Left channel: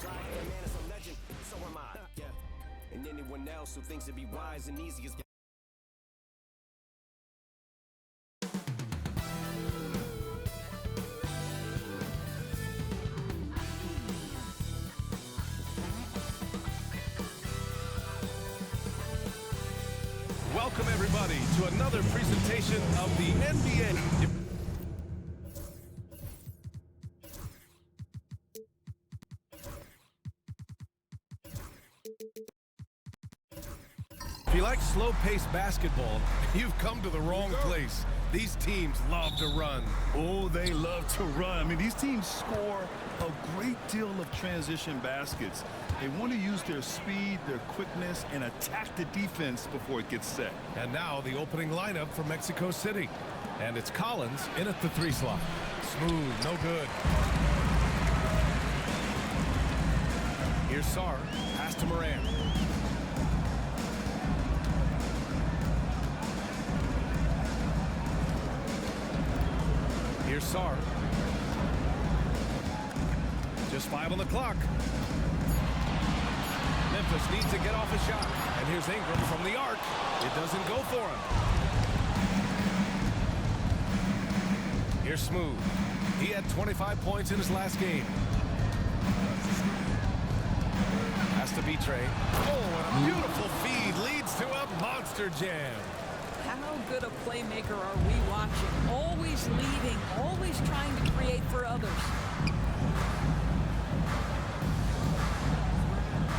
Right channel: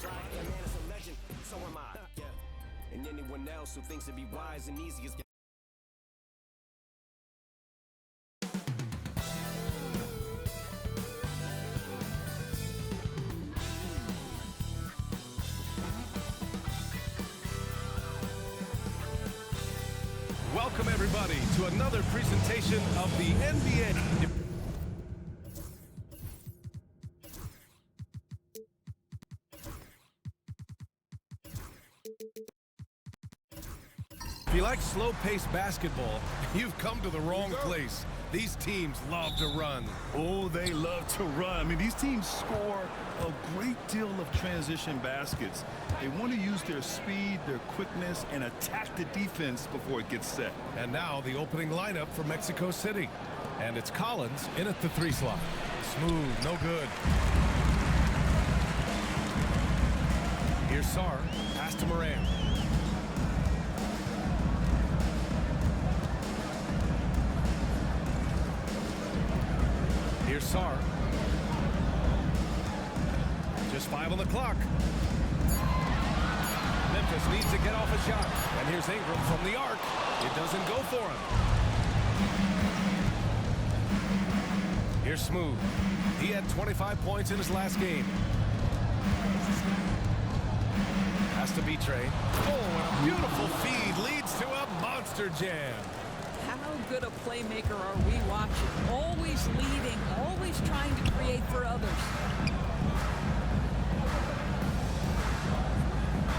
The man is a legend, so am I. Yeah. And anyone else who thinks it'd be wise and easy is. Welcome, everybody, to another presentation of the NBA. If you like slow-paced basketball, you've come to the wrong place. These teams love to run. Oh, they love to run. I mean, these teams score a great deal of transition baskets. They want to use their speed, their quickness, and attack the defense before it gets set. And now the opening lineup for Mexico City. And it's Collins in at the 3 slot. Smooth, no good. Here's Sarr, pass to Moran. Here's Sarr. Just 5 on the clock. Memphis needs to get off a shot. And here's Ingram from the arc. It doesn't go for him. Here's Smooth. He had 25 points in his last game. Has to be Trey. Oh, and a beautiful feed leads to a monster jam. How good a playmaker are we watching? Always leading, always trying to create for others.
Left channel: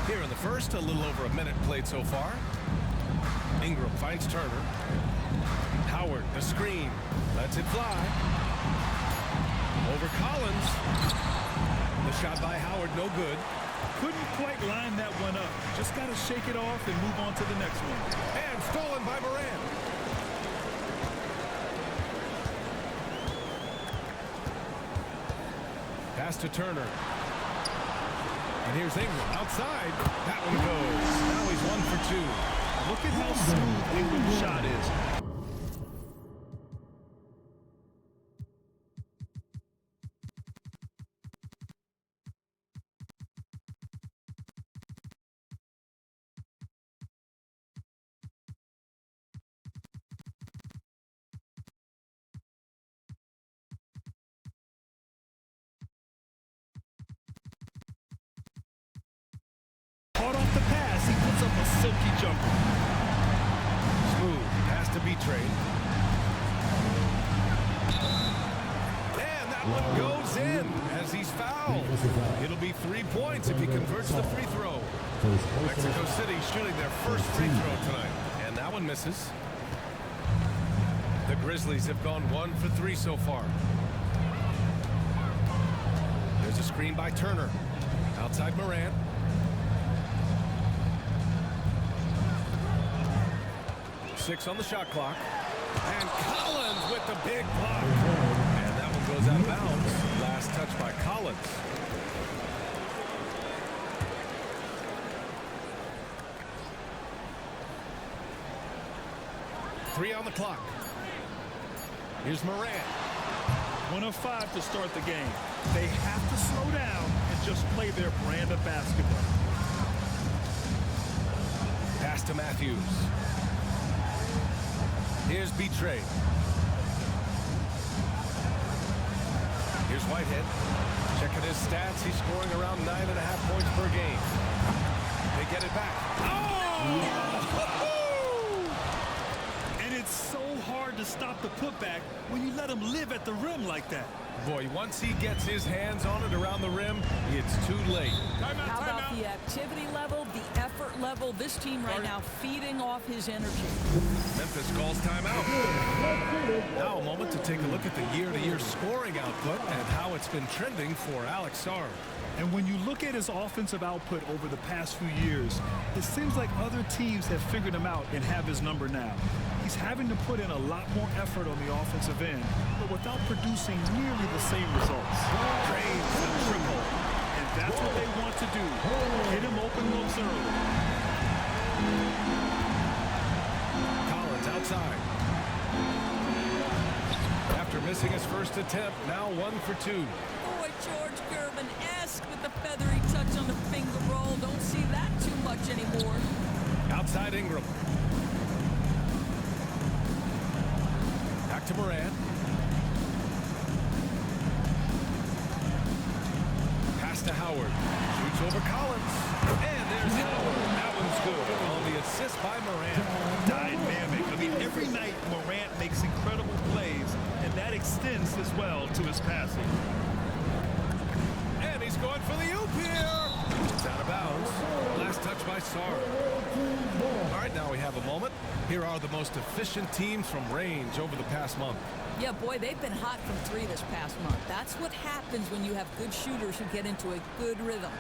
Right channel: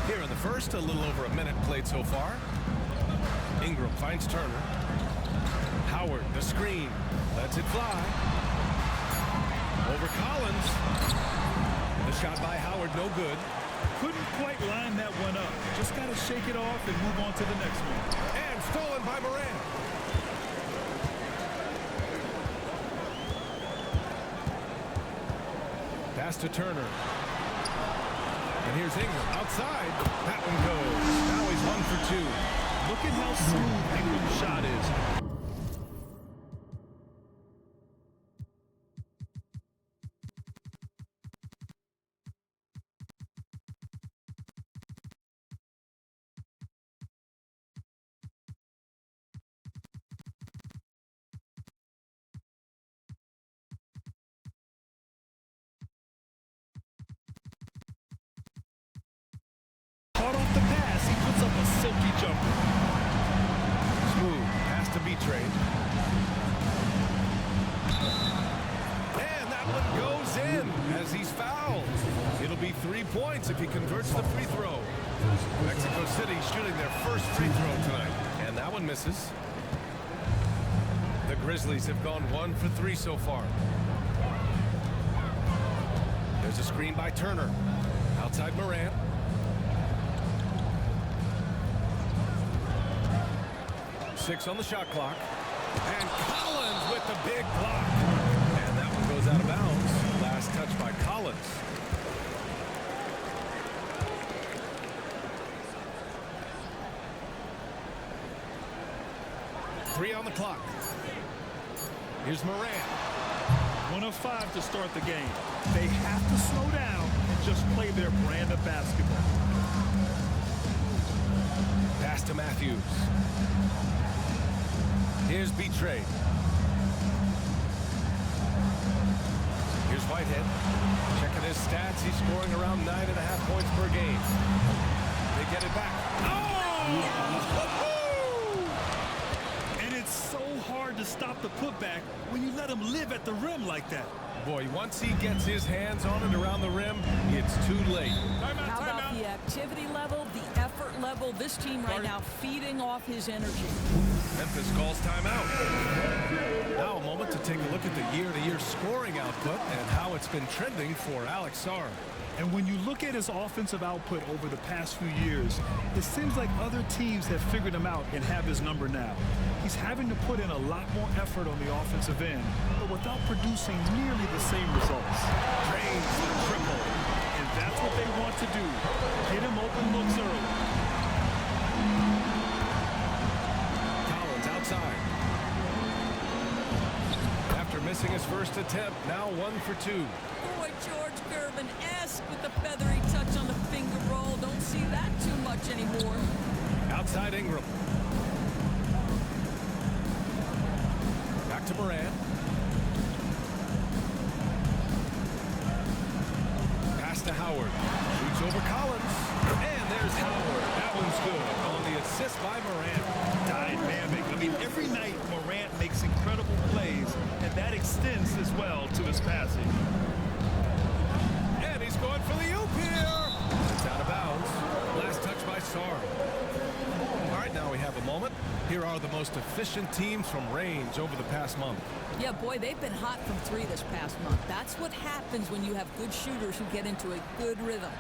Here in the first, a little over a minute played so far. Ingram finds Turner. Howard, the screen, lets it fly. Over Collins. The shot by Howard, no good. Couldn't quite line that one up. Just got to shake it off and move on to the next one. And stolen by Moran. Pass to Turner. And here's Ingram outside. That one goes. Now he's 1 for 2. Look at how smooth Ingram's shot is. Caught off the pass, he puts up a silky jumper. Smooth, pass to B-Trade. And that one goes in as he's fouled. It'll be 3 points if he converts the free throw. Mexico City shooting their first free throw tonight. And that one misses. The Grizzlies have gone 1 for 3 so far. There's a screen by Turner. Outside Moran. Six on the shot clock. And Collins with the big block. And that one goes out of bounds. Last touch by Collins. Three on the clock. Here's Moran. 1 of 5 to start the game. They have to slow down and just play their brand of basketball. Pass to Matthews. Here's B-Trade. Here's Whitehead. Checking his stats. He's scoring around 9.5 points per game. They get it back. Oh! And it's so hard to stop the putback when you let him live at the rim like that. Boy, once he gets his hands on it around the rim, it's too late. How about the activity level, the effort level? This team right now feeding off his energy. Memphis calls timeout. Now a moment to take a look at the year-to-year scoring output and how it's been trending for Alex Sarr. And when you look at his offensive output over the past few years, it seems like other teams have figured him out and have his number now. He's having to put in a lot more effort on the offensive end, but without producing nearly the same results. Drains the triple. And that's what they want to do. Hit him open looks early. Collins outside. After missing his first attempt, now 1 for 2. Boy, George Gervin-esque with the feathery touch on the finger roll. Don't see that too much anymore. Outside Ingram. Back to Morant. Pass to Howard. Shoots over Collins. And there's Howard. That one's good on the assist by Morant. Dynamic. I mean, every night Morant makes incredible plays, and that extends as well to his passing. And he's going for the oop here. It's out of bounds. Last touch by Sarr. All right, now we have a moment. Here are the most efficient teams from range over the past month. Yeah, boy, they've been hot from 3 this past month. That's what happens when you have good shooters who get into a good rhythm.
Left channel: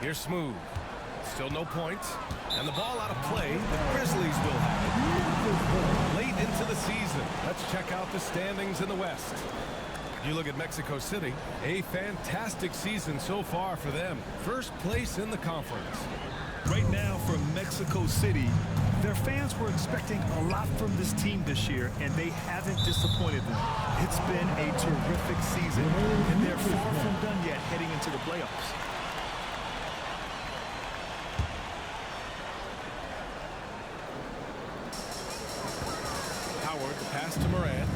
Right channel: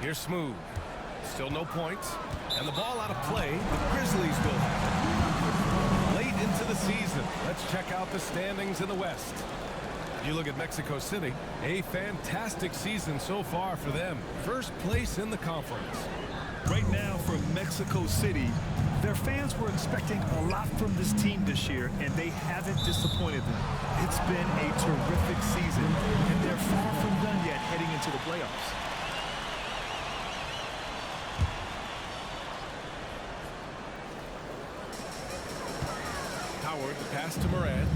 Here's Smooth. Still no points. And the ball out of play. The Grizzlies will have it. Late into the season. Let's check out the standings in the West. You look at Mexico City. A fantastic season so far for them. First place in the conference. Right now for Mexico City, their fans were expecting a lot from this team this year, and they haven't disappointed them. It's been a terrific season, and they're far from done yet heading into the playoffs. Howard, the pass to Morant.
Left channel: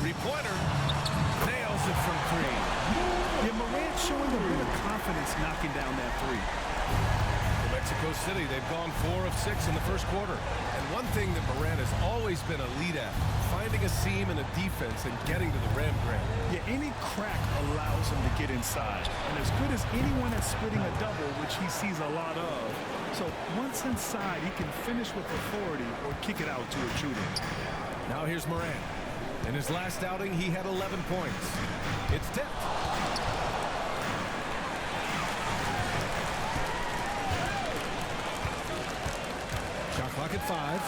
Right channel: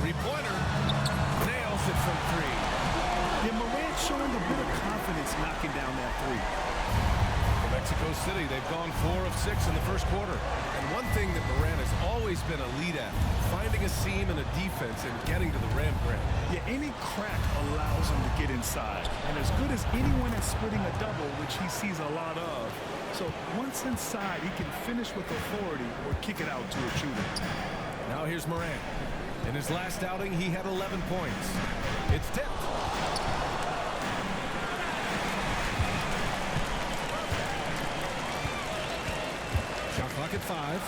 Three-pointer. Nails it from 3. Yeah, Morant showing a bit of confidence knocking down that 3. For Mexico City, they've gone 4 of 6 in the first quarter. And one thing that Morant has always been a lead at, finding a seam in a defense and getting to the rim, Grant. Yeah, any crack allows him to get inside. And as good as anyone at splitting a double, which he sees a lot of. So once inside, he can finish with authority or kick it out to a shooter. Now here's Morant. In his last outing, he had 11 points. It's tipped. Shot clock at 5.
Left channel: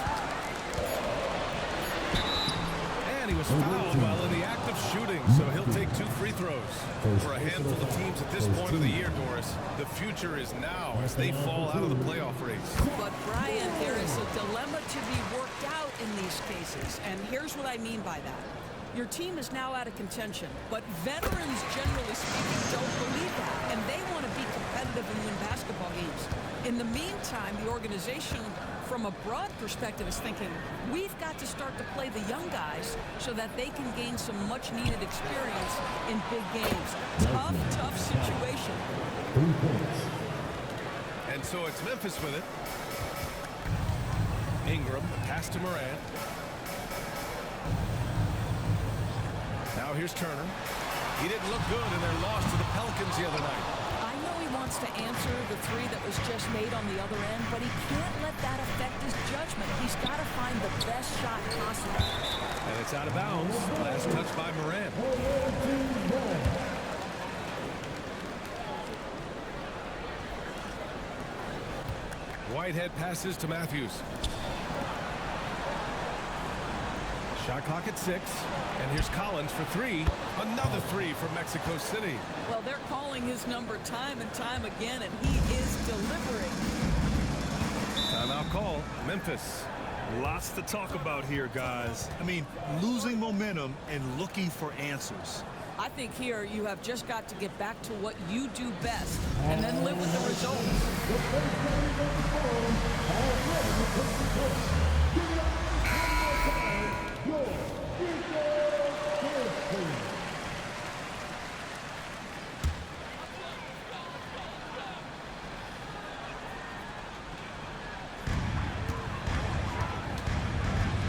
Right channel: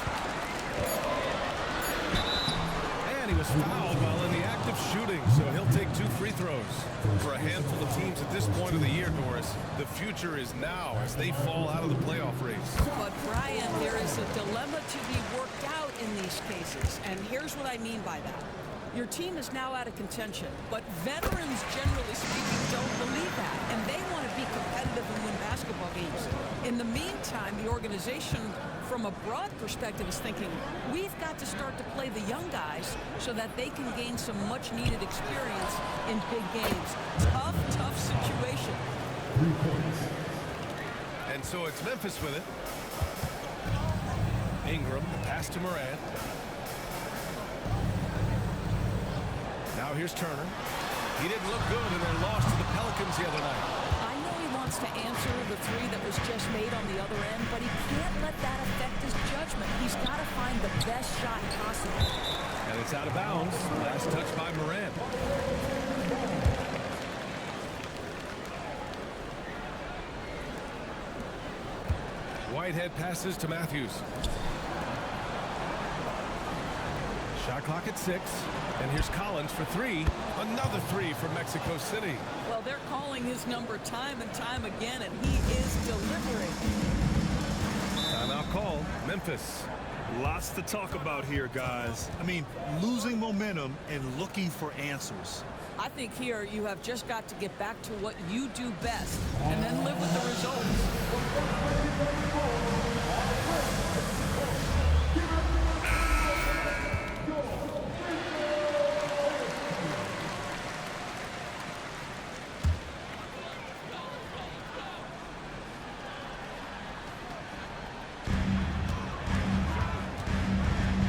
And he was fouled while in the act of shooting, so he'll take 2 free throws. For a handful of teams at this point of the year, Doris, the future is now as they fall out of the playoff race. But, Brian, there is a dilemma to be worked out in these cases, and here's what I mean by that. Your team is now out of contention, but veterans, generally speaking, don't believe that, and they want to be competitive and win basketball games. In the meantime, the organization, from a broad perspective, is thinking, we've got to start to play the young guys so that they can gain some much-needed experience in big games. Tough, tough situation. And so it's Memphis with it. Ingram, the pass to Morant. Now here's Turner. He didn't look good in their loss to the Pelicans the other night. I know he wants to answer the 3 that was just made on the other end, but he can't let that affect his judgment. He's got to find the best shot possible. And it's out of bounds. Last touch by Morant. Whitehead passes to Matthews. Shot clock at 6. And here's Collins for 3. Another 3 for Mexico City. Well, they're calling his number time and time again, and he is delivering. Timeout call. Memphis. Lots to talk about here, guys. I mean, losing momentum and looking for answers. I think here you have just got to get back to what you do best and then live with the results.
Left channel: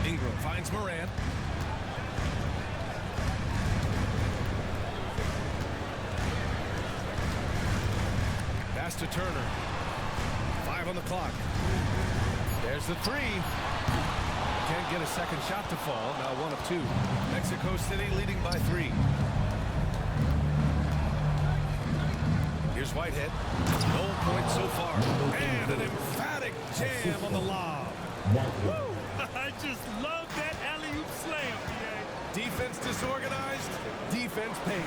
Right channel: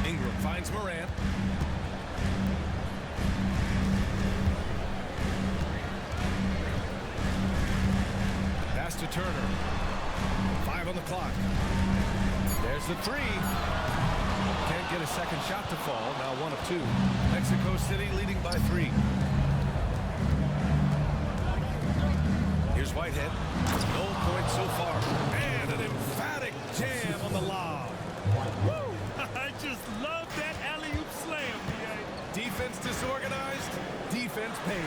Ingram finds Morant. Pass to Turner. 5 on the clock. There's the 3. Can't get a second shot to fall. Now 1 of 2. Mexico City leading by 3. Here's Whitehead. No points so far. And an emphatic jam on the lob. Woo! I just love that alley-oop slam, B.A. Defense disorganized. Defense pays.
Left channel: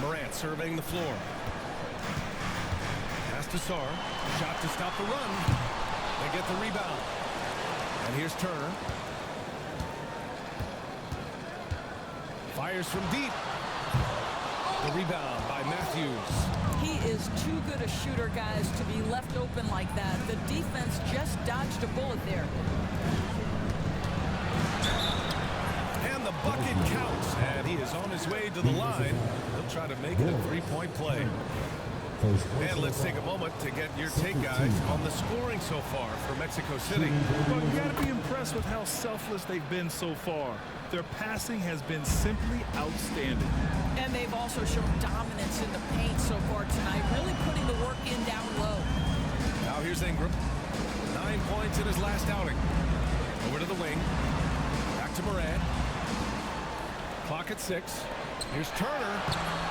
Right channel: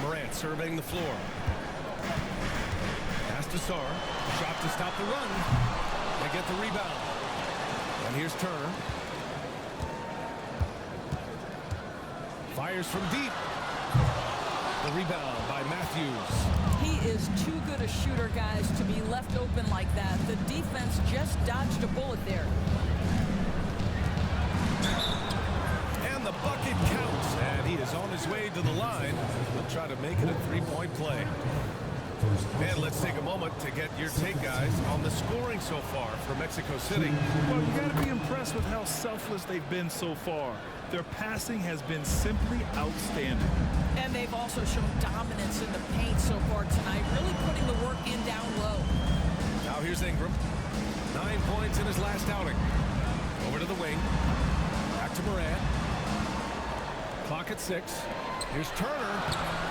Morant surveying the floor. Pass to Sarr. Shot to stop the run. They get the rebound. And here's Turner. Fires from deep. The rebound by Matthews. He is too good a shooter, guys, to be left open like that. The defense just dodged a bullet there. And the bucket counts. And he is on his way to the line. He'll try to make it a three-point play. And let's take a moment to get your take, guys, on the scoring so far for Mexico City. Well, you got to be impressed with how selfless they've been so far. Their passing has been simply outstanding. And they've also shown dominance in the paint so far tonight, really putting the work in down low. Now here's Ingram. 9 points in his last outing. Over to the wing. Back to Morant. Clock at 6. Here's Turner.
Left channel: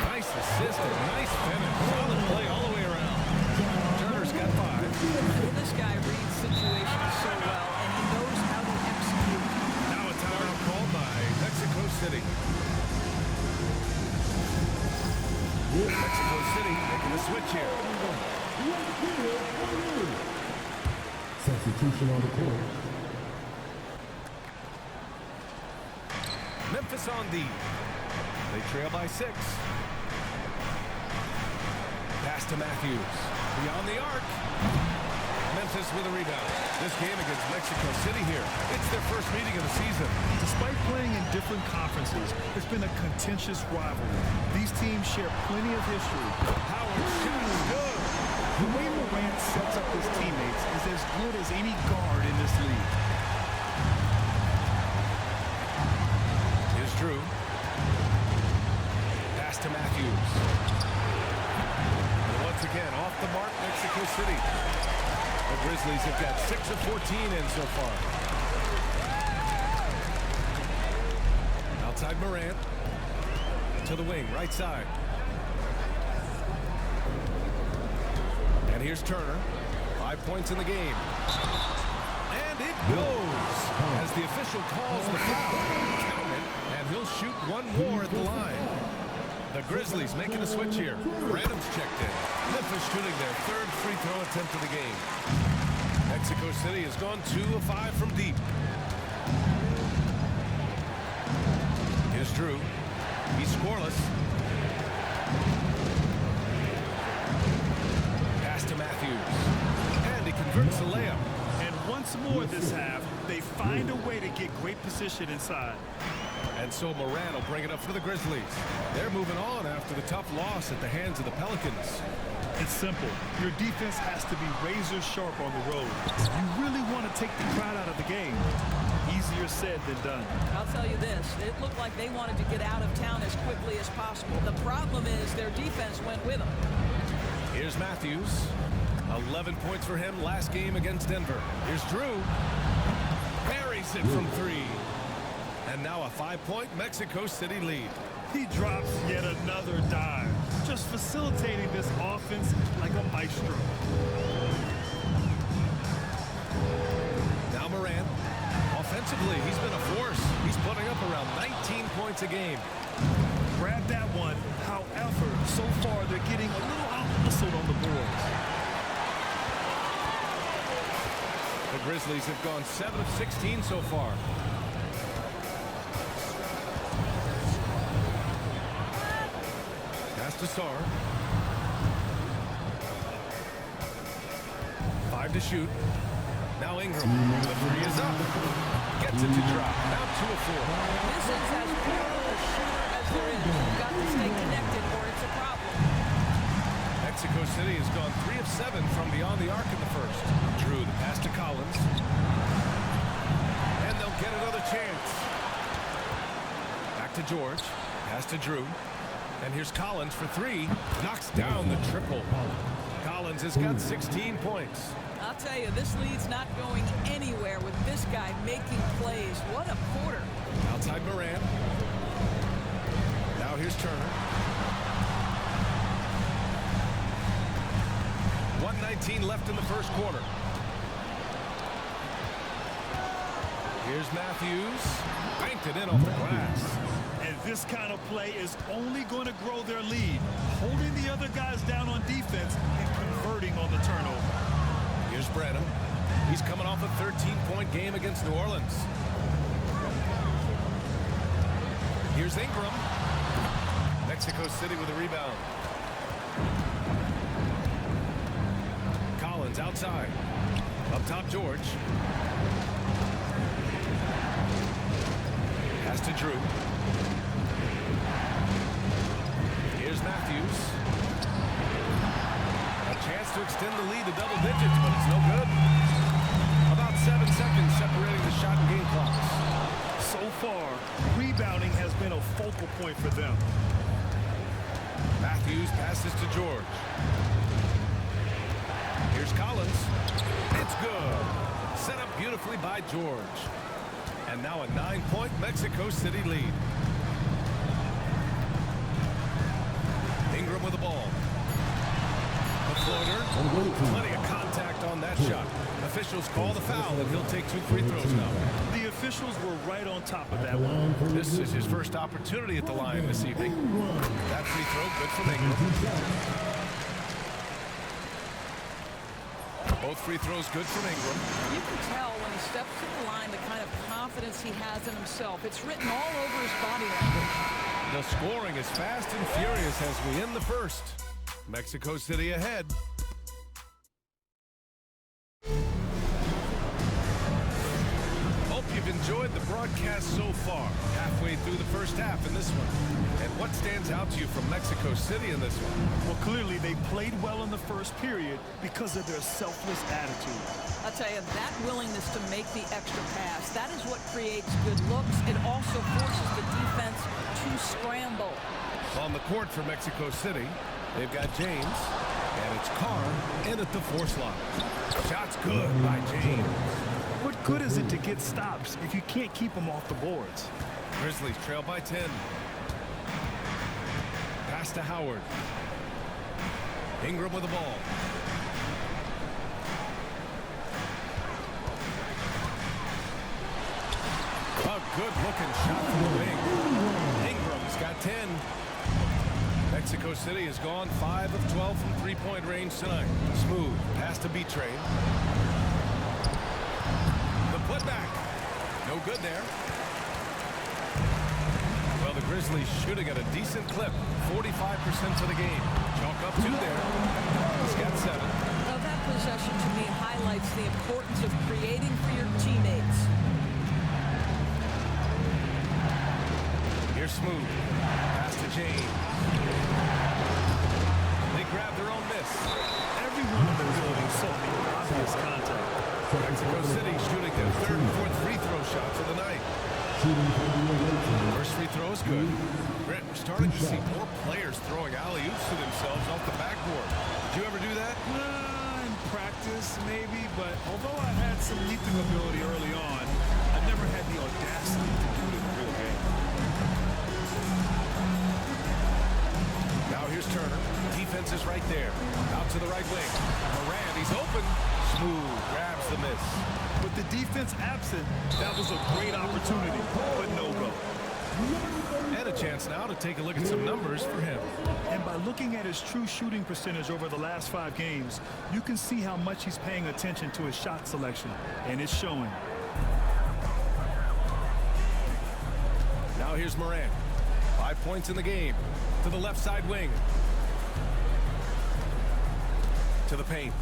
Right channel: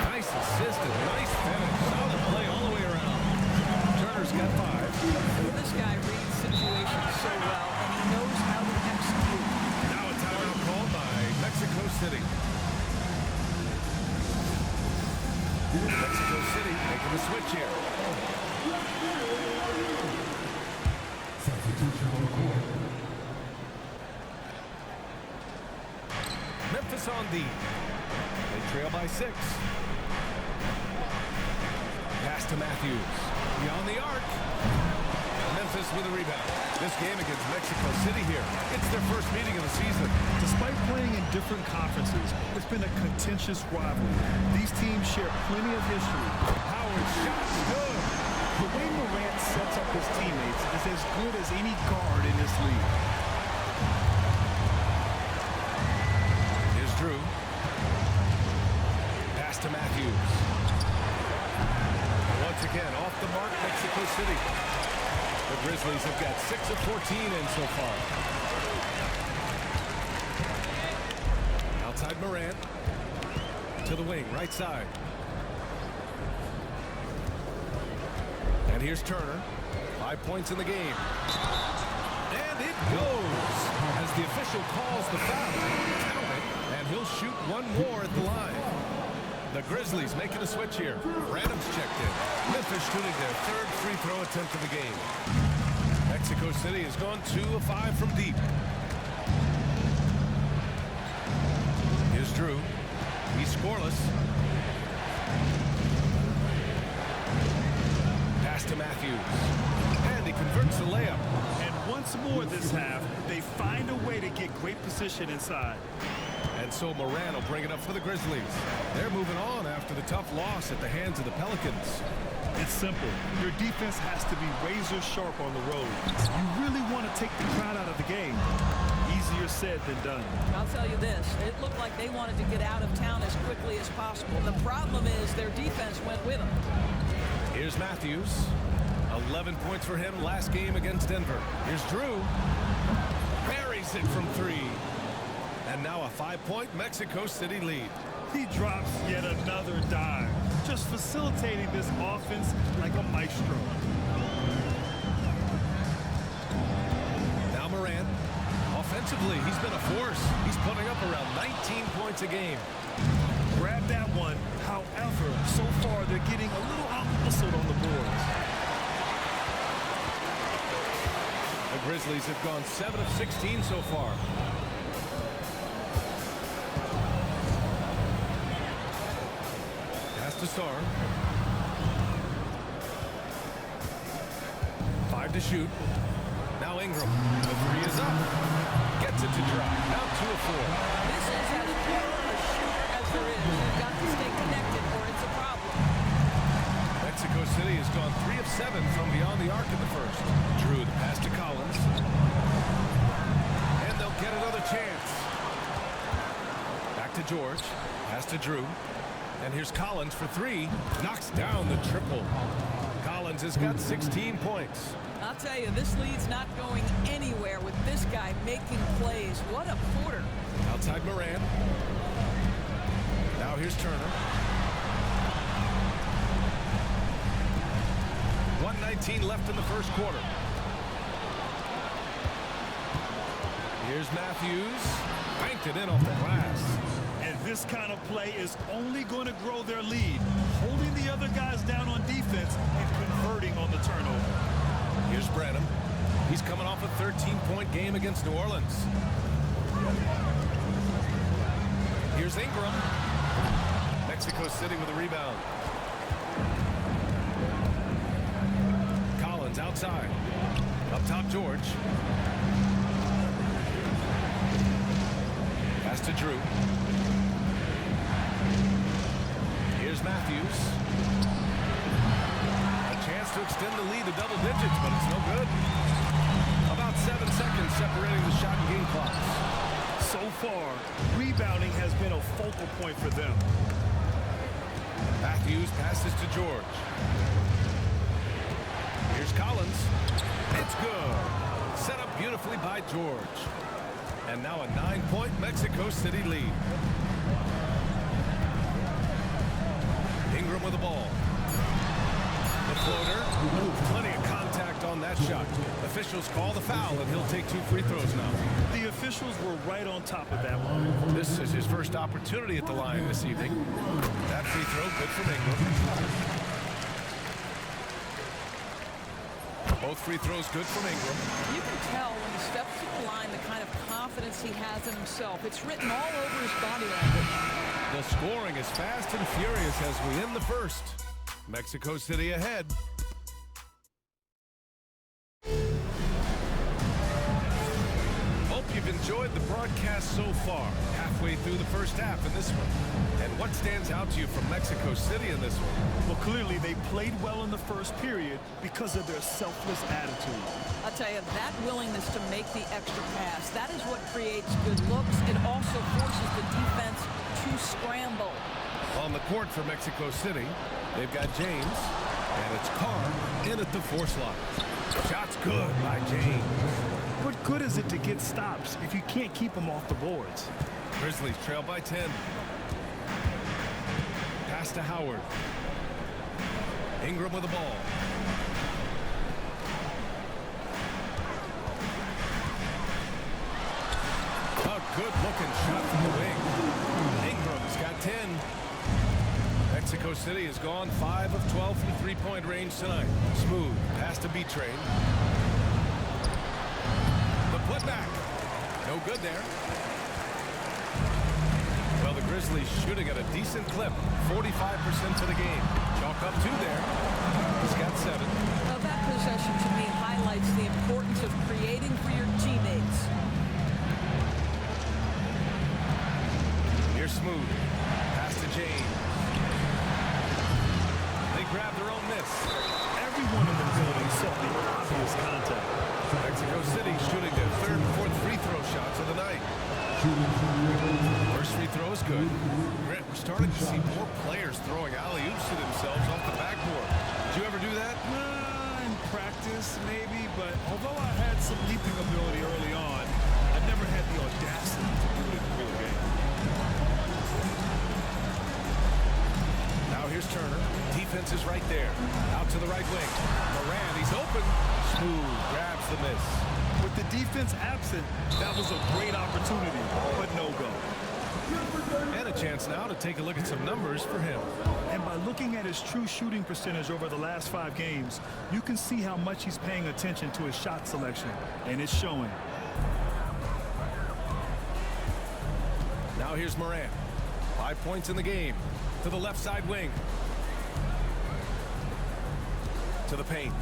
Nice assist and nice finish. Solid play all the way around. Turner's got 5. This guy reads situations so well, and he knows how to execute. Now a timeout called by Mexico City. Mexico City making the switch here. Substitution on the court. Memphis on D. They trail by 6. Pass to Matthews. Beyond the arc. Memphis with a rebound. This game against Mexico City here. It's their first meeting of the season. Despite playing in different conferences, it's been a contentious rivalry. These teams share plenty of history. Howard's shot is good. The way Morant sets up his teammates is as good as any guard in this league. Here's Drew. Pass to Matthews. And once again, off the mark, Mexico City. The Grizzlies have got 6 of 14 in so far. Outside Morant. To the wing, right side. And here's Turner. 5 points in the game. And it goes. As the official calls the foul. Count it. And he'll shoot one more at the line. The Grizzlies making a switch here. Branham's checked in. Memphis shooting their 3rd free throw attempt of the game. Mexico City has gone 2 of 5 from deep. Here's Drew. He's scoreless. Pass to Matthews. And he converts the layup. And once more this half, they find a way to get great position inside. And so Morant will bring it up for the Grizzlies. They're moving on after the tough loss at the hands of the Pelicans. It's simple. Your defense has to be razor sharp on the road. You really want to take the crowd out of the game. Easier said than done. I'll tell you this, it looked like they wanted to get out of town as quickly as possible. The problem is their defense went with them. Here's Matthews. 11 points for him last game against Denver. Here's Drew. Buries it from 3. And now a 5-point Mexico City lead. He drops yet another dime, just facilitating this offense like a maestro. Now Morant. Offensively, he's been a force. He's putting up around 19 points a game. Grab that one. However, so far they're getting a little out-hustled on the boards. The Grizzlies have gone 7 of 16 so far. Pass to Sarr. 5 to shoot. Now Ingram. The 3 is up. Gets it to drop. Now 2 of 4. This is as pure a shooter as there is. You've got to stay connected or it's a problem. Mexico City has gone 3 of 7 from beyond the arc in the first. Drew the pass to Collins. And they'll get another chance. Back to George. Pass to Drew. And here's Collins for 3. Knocks down the triple. Collins has got 16 points. I'll tell you, this lead's not going anywhere with this guy making plays. What a quarter. Outside Morant. Now here's Turner. 1:19 left in the first quarter. Here's Matthews. Banked it in off the glass. And this kind of play is only going to grow their lead, holding the other guys down on defense and converting on the turnover. Here's Branham. He's coming off a 13-point game against New Orleans. Here's Ingram. Mexico City with a rebound. Collins outside. Up top, George. Pass to Drew. Here's Matthews. A chance to extend the lead to double digits, but it's no good. About 7 seconds separating the shot and game clocks. So far, rebounding has been a focal point for them. Matthews passes to George. Here's Collins. It's good. Set up beautifully by George. And now a 9-point Mexico City lead. Ingram with the ball. The floater. Plenty of contact on that shot. Officials call the foul, and he'll take 2 free throws now. The officials were right on top of that one. This is his first opportunity at the line this evening. That free throw, good from Ingram. Both free throws good from Ingram. You can tell when he steps to the line the kind of confidence he has in himself. It's written all over his body language. The scoring is fast and furious as we end the first. Mexico City ahead. Hope you've enjoyed the broadcast so far. Halfway through the first half in this one. And what stands out to you from Mexico City in this one? Well, clearly they played well in the first period because of their selfless attitude. I'll tell you, that willingness to make the extra pass, that is what creates good looks. It also forces the defense to scramble. On the court for Mexico City, they've got James, and it's Carr in at the 4 slot. Shot's good by James. What good is it to get stops if you can't keep them off the boards? Grizzlies trail by 10. Pass to Howard. Ingram with the ball. A good-looking shot from the wing. Ingram's got 10. Mexico City has gone 5 of 12 from three-point range tonight. Smooth pass to B-Train. The putback. No good there. Well, the Grizzlies shooting at a decent clip. 45% for the game. Chalk up 2 there. He's got 7. Well, that possession to me highlights the importance of creating for your teammates. Here's Smooth. Pass to James. They grab their own miss. Everyone in the building saw the obvious contact. Mexico City shooting their 3rd and 4th free throw shots of the night. First free throw is good. Grant, we're starting to see more players throwing alley-oops to themselves off the backboard. Did you ever do that? In practice, maybe, but although I had some leaping ability early on, I never had the audacity to do it in a real game. Now here's Turner. Defense is right there. Out to the right wing. Morant, he's open. Smooth grabs the miss. With the defense absent, that was a great opportunity, but no go. And a chance now to take a look at some numbers for him. And by looking at his true shooting percentage over the last 5 games, you can see how much he's paying attention to his shot selection, and it's showing. Now here's Morant. 5 points in the game. To the left side wing. To the paint.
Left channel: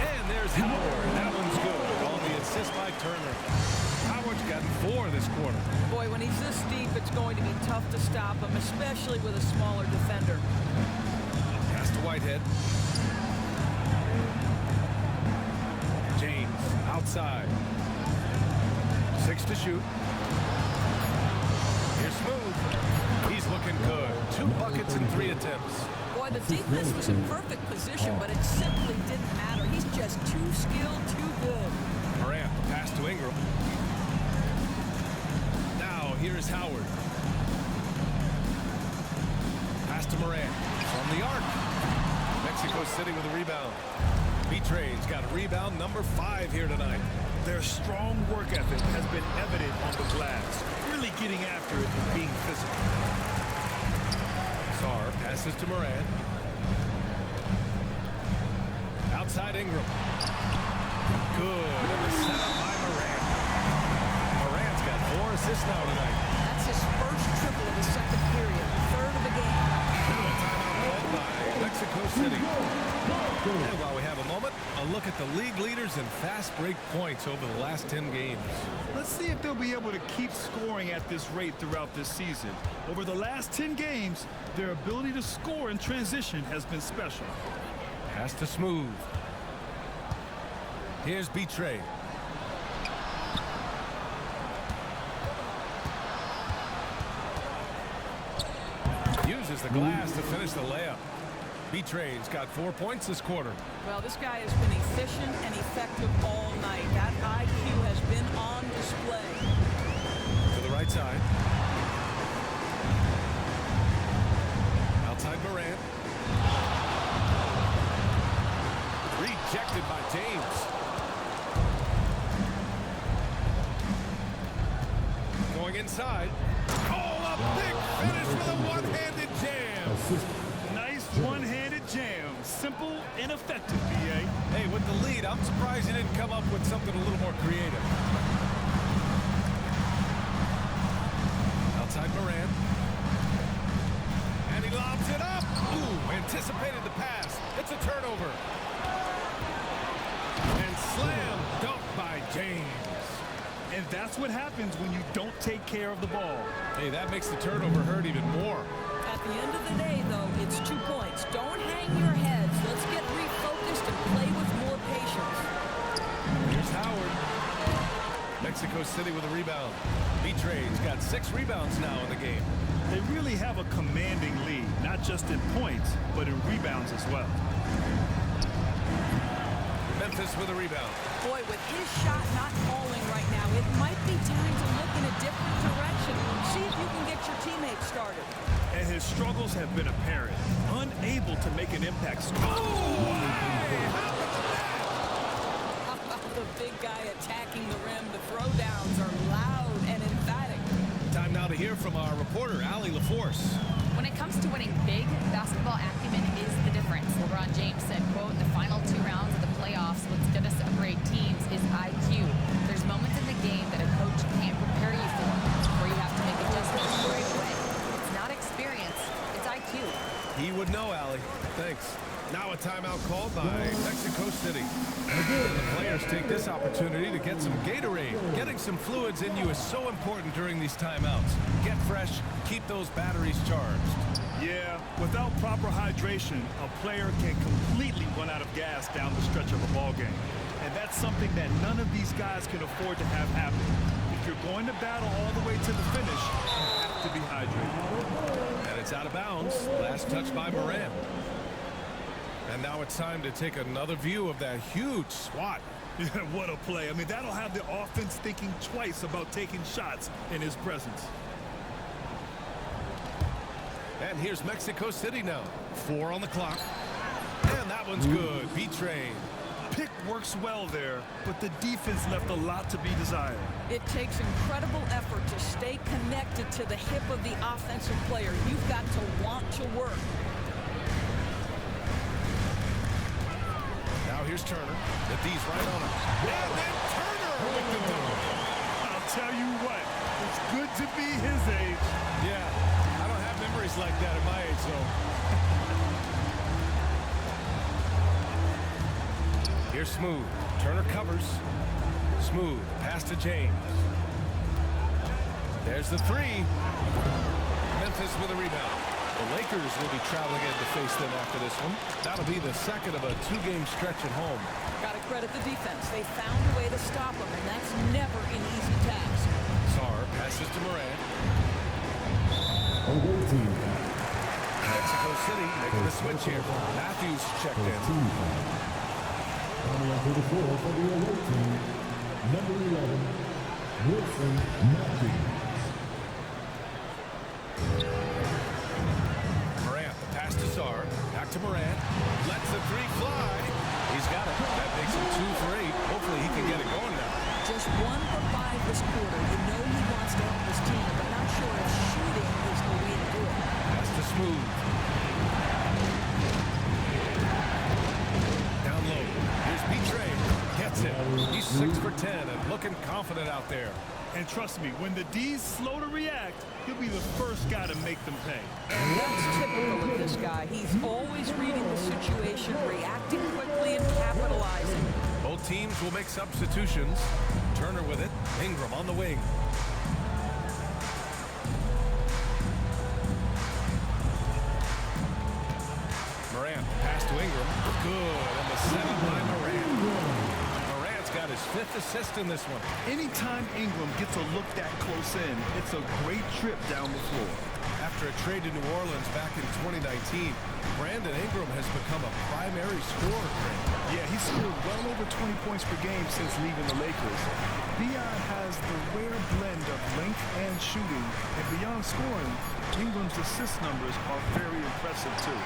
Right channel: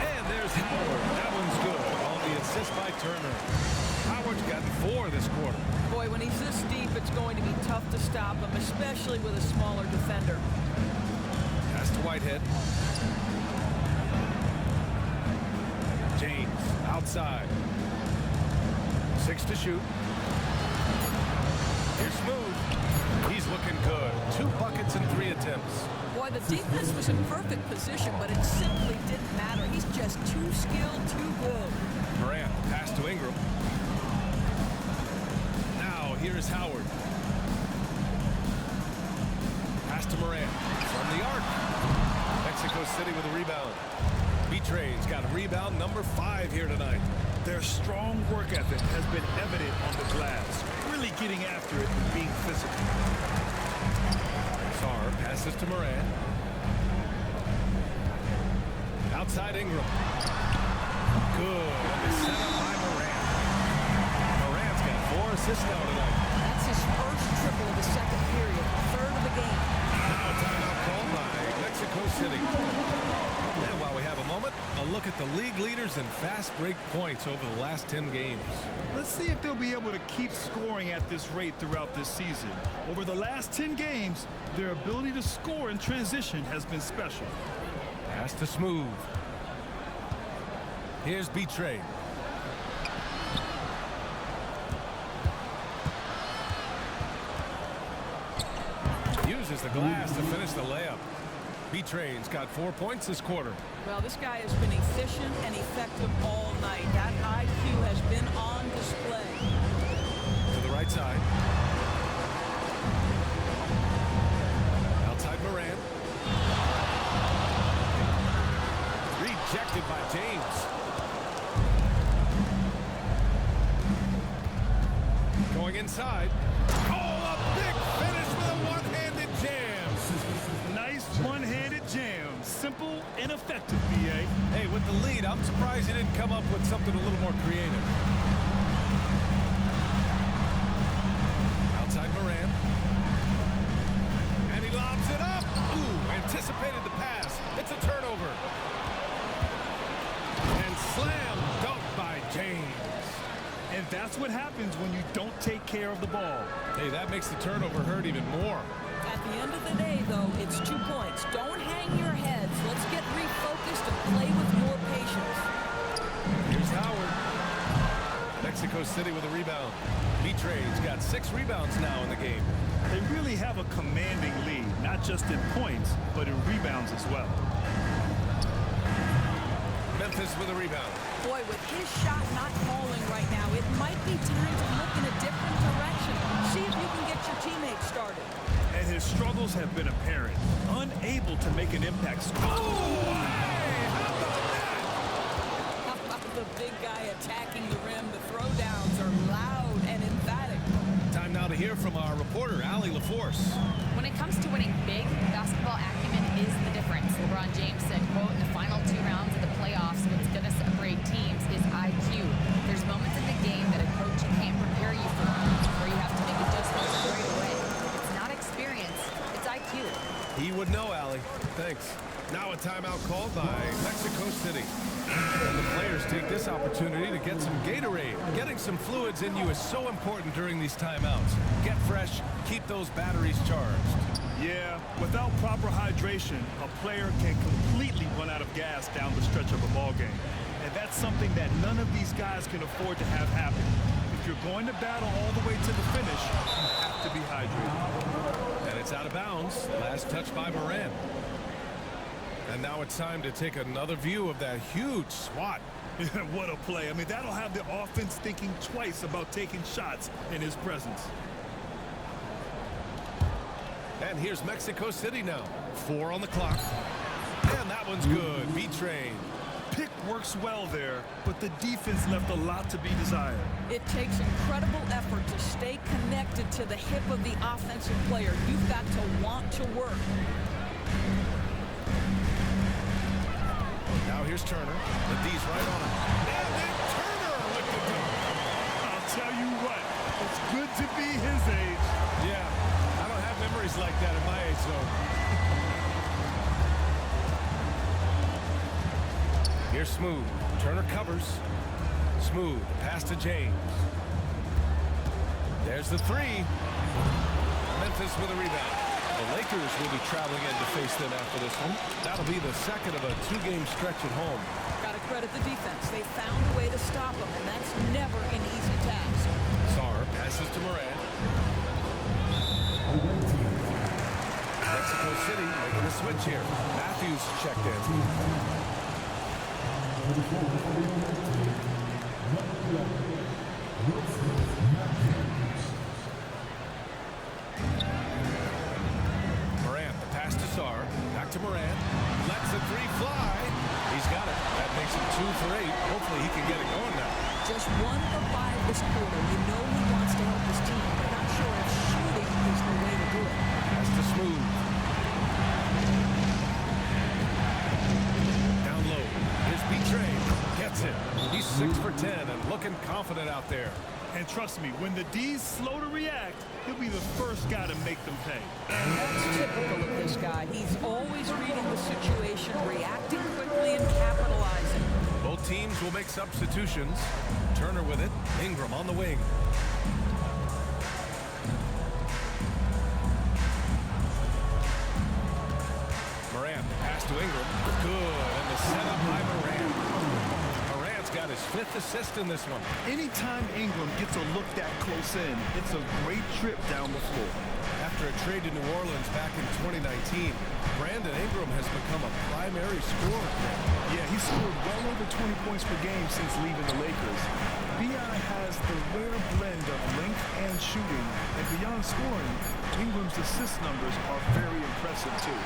And there's Howard. That one's good on the assist by Turner. Howard's gotten 4 this quarter. Boy, when he's this deep, it's going to be tough to stop him, especially with a smaller defender. Pass to Whitehead. James outside. 6 to shoot. Here's Smooth. He's looking good. 2 buckets and 3 attempts. Boy, the defense was in perfect position, but it simply didn't matter. He's just too skilled, too good. Morant, pass to Ingram. Now, here's Howard. Pass to Morant. From the arc. Mexico City with a rebound. B-Train's got a rebound number 5 here tonight. Their strong work ethic has been evident on the glass, really getting after it and being physical. Sarr passes to Morant. Outside Ingram. Good, and the setup by Morant. Morant's got 4 assists now tonight. That's his first triple of the second period, third of the game. Now a timeout called by Mexico City. And while we have a moment, a look at the league leaders in fast break points over the last 10 games. Let's see if they'll be able to keep scoring at this rate throughout this season. Over the last 10 games, their ability to score in transition has been special. Pass to Smooth. Here's Betray. Uses the glass to finish the layup. Betray's got 4 points this quarter. Well, this guy has been efficient and effective all night. That IQ has been on display. To the right side. Outside Morant. Rejected by James. Going inside. Oh, a big finish with a one-handed jam. Nice one-handed jam. Simple and effective, B.A. Hey, with the lead, I'm surprised he didn't come up with something a little more creative. Outside Morant. And he lobs it up. Ooh, anticipated the pass. It's a turnover. And slam dunk by James. And that's what happens when you don't take care of the ball. Hey, that makes the turnover hurt even more. At the end of the day, though, it's 2 points. Don't hang your heads. Let's get refocused and play with more patience. Here's Howard. Mexico City with a rebound. Betray's got 6 rebounds now in the game. They really have a commanding lead, not just in points, but in rebounds as well. Memphis with a rebound. Boy, with his shot not falling right now, it might be time to look in a different direction. See if you can get your teammates started. And his struggles have been apparent. Unable to make an impact. Oh, hey, how about that? How about the big guy attacking the rim? The throwdowns are loud and emphatic. Time now to hear from our reporter, Allie LaForce. When it comes to winning big, basketball acumen is the difference. LeBron James said, quote, in the final 2 rounds of the playoffs, what's going to separate teams is IQ. There's moments in the game that a coach can't prepare you for, where you have to make adjustments right away. It's not experience, it's IQ. He would know, Allie. Thanks. Now a timeout called by Mexico City. And the players take this opportunity to get some Gatorade. Getting some fluids in you is so important during these timeouts. Get fresh, keep those batteries charged. Yeah, without proper hydration, a player can completely run out of gas down the stretch of a ball game. And that's something that none of these guys can afford to have happen. If you're going to battle all the way to the finish, you have to be hydrated. And it's out of bounds. Last touch by Morant. And now it's time to take another view of that huge swat. What a play. I mean, that'll have the offense thinking twice about taking shots in his presence. And here's Mexico City now. 4 on the clock. And that one's good. Betray. Pick works well there, but the defense left a lot to be desired. It takes incredible effort to stay connected to the hip of the offensive player. You've got to want to work. Now here's Turner. The D's right on him. And then Turner with the dunk. I'll tell you what, it's good to be his age. Yeah, I don't have memories like that at my age, though. Here's Smooth. Turner covers. Smooth. Pass to James. There's the 3. Memphis with a rebound. The Lakers will be traveling in to face them after this one. That'll be the second of a 2-game stretch at home. Got to credit the defense. They found a way to stop them, and that's never an easy task. Sarr passes to Morant. Mexico City making a switch here. Matthews checked in. To the floor for the away team, number 11, Wilson Matthews. Morant, the pass to Sarr. Back to Morant. Lets the 3 fly. He's got it. That makes him 2 for 8. Hopefully he can get it going now. Just 1 for 5 this quarter. You know he wants to help his team, but not sure if shooting is the way to do it. Pass to Smooth. Down low. That's it. He's 6 for 10 and looking confident out there. And trust me, when the D's slow to react, he'll be the first guy to make them pay. And that's typical of this guy. He's always reading the situation, reacting quickly, and capitalizing. Both teams will make substitutions. Turner with it. Ingram on the wing. Morant, pass to Ingram. Good, and the setup by Morant. Morant's got his 5th assist in this one. Anytime Ingram gets a look that close in, it's a great trip down the floor. After a trade to New Orleans back in 2019, Brandon Ingram has become a primary scorer. Yeah, he's scored well over 20 points per game since leaving the Lakers. B.I. has the rare blend of length and shooting, and beyond scoring, Ingram's assist numbers are very impressive too.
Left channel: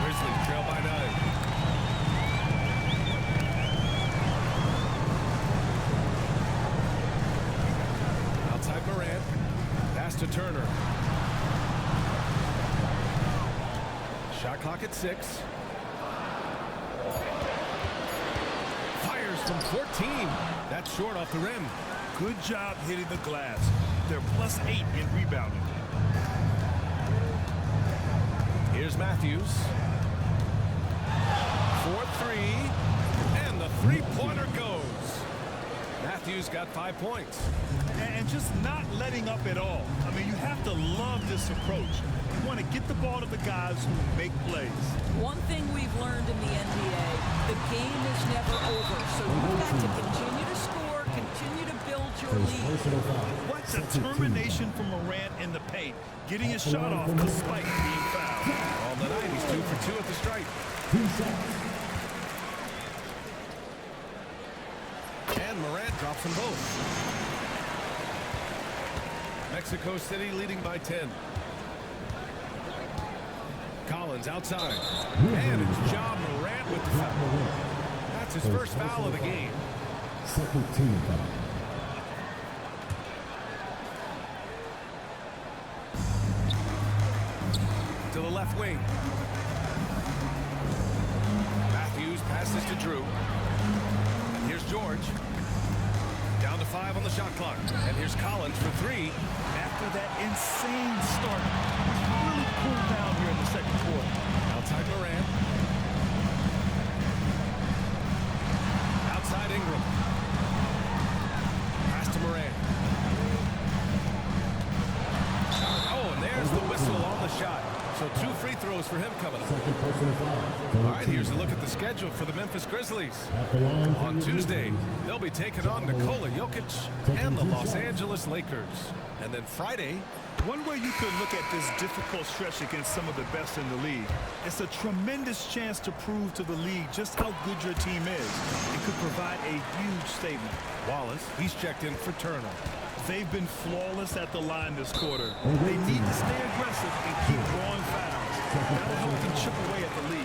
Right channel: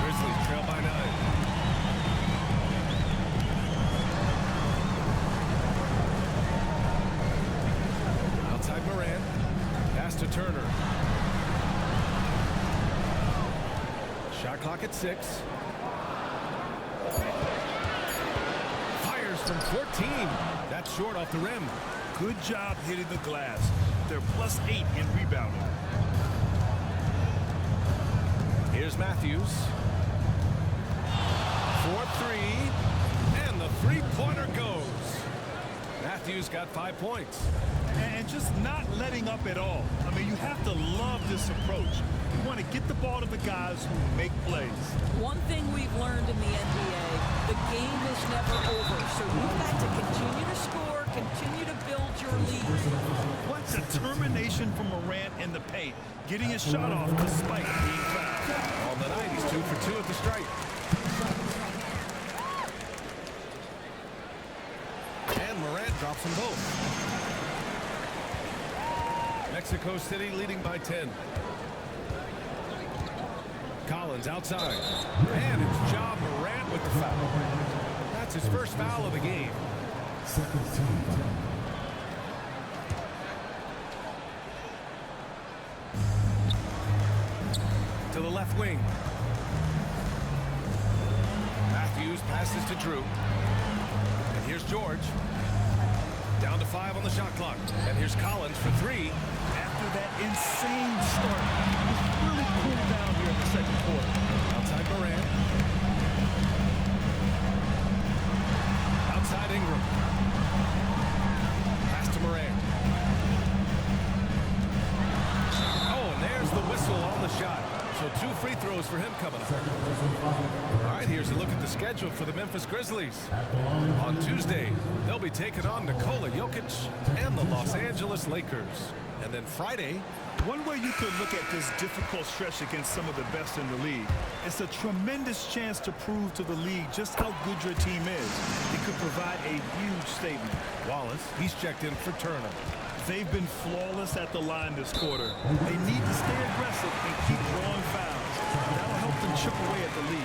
Grizzlies trail by 9. Outside Morant. Pass to Turner. Shot clock at 6. Fires from 14. That's short off the rim. Good job hitting the glass. They're +8 in rebounding. Here's Matthews. 4-3. And the three-pointer goes. Matthews got 5 points. And just not letting up at all. I mean, you have to love this approach. You want to get the ball to the guys who make plays. One thing we've learned in the NBA, the game is never over. So you've got to continue to score, continue to build your lead. What determination from Morant in the paint, getting his shot off despite being fouled. On the night, he's 2 for 2 at the stripe. And Morant drops them both. Mexico City leading by 10. Collins outside. And it's Ja Morant with the foul. That's his first foul of the game. Second team foul. To the left wing. Matthews passes to Drew. And here's George. Down to 5 on the shot clock. And here's Collins for 3. After that insane start, he's really cooled down here in the second quarter. Outside Morant. Outside Ingram. Pass to Morant. Oh, and there's the whistle on the shot. So 2 free throws for him coming up. Second personal foul. All right, here's a look at the schedule for the Memphis Grizzlies. At the line for On the Tuesday, Grizzlies. they'll be taking on Nikola Jokic and the Los Angeles Lakers. And then Friday, One way you could look at this difficult stretch against some of the best in the league, it's a tremendous chance to prove to the league just how good your team is. It could provide a huge statement. Wallace, he's checked in for Turner. They've been flawless at the line this quarter. They need to stay aggressive and keep drawing fouls. That'll help them chip away at the lead.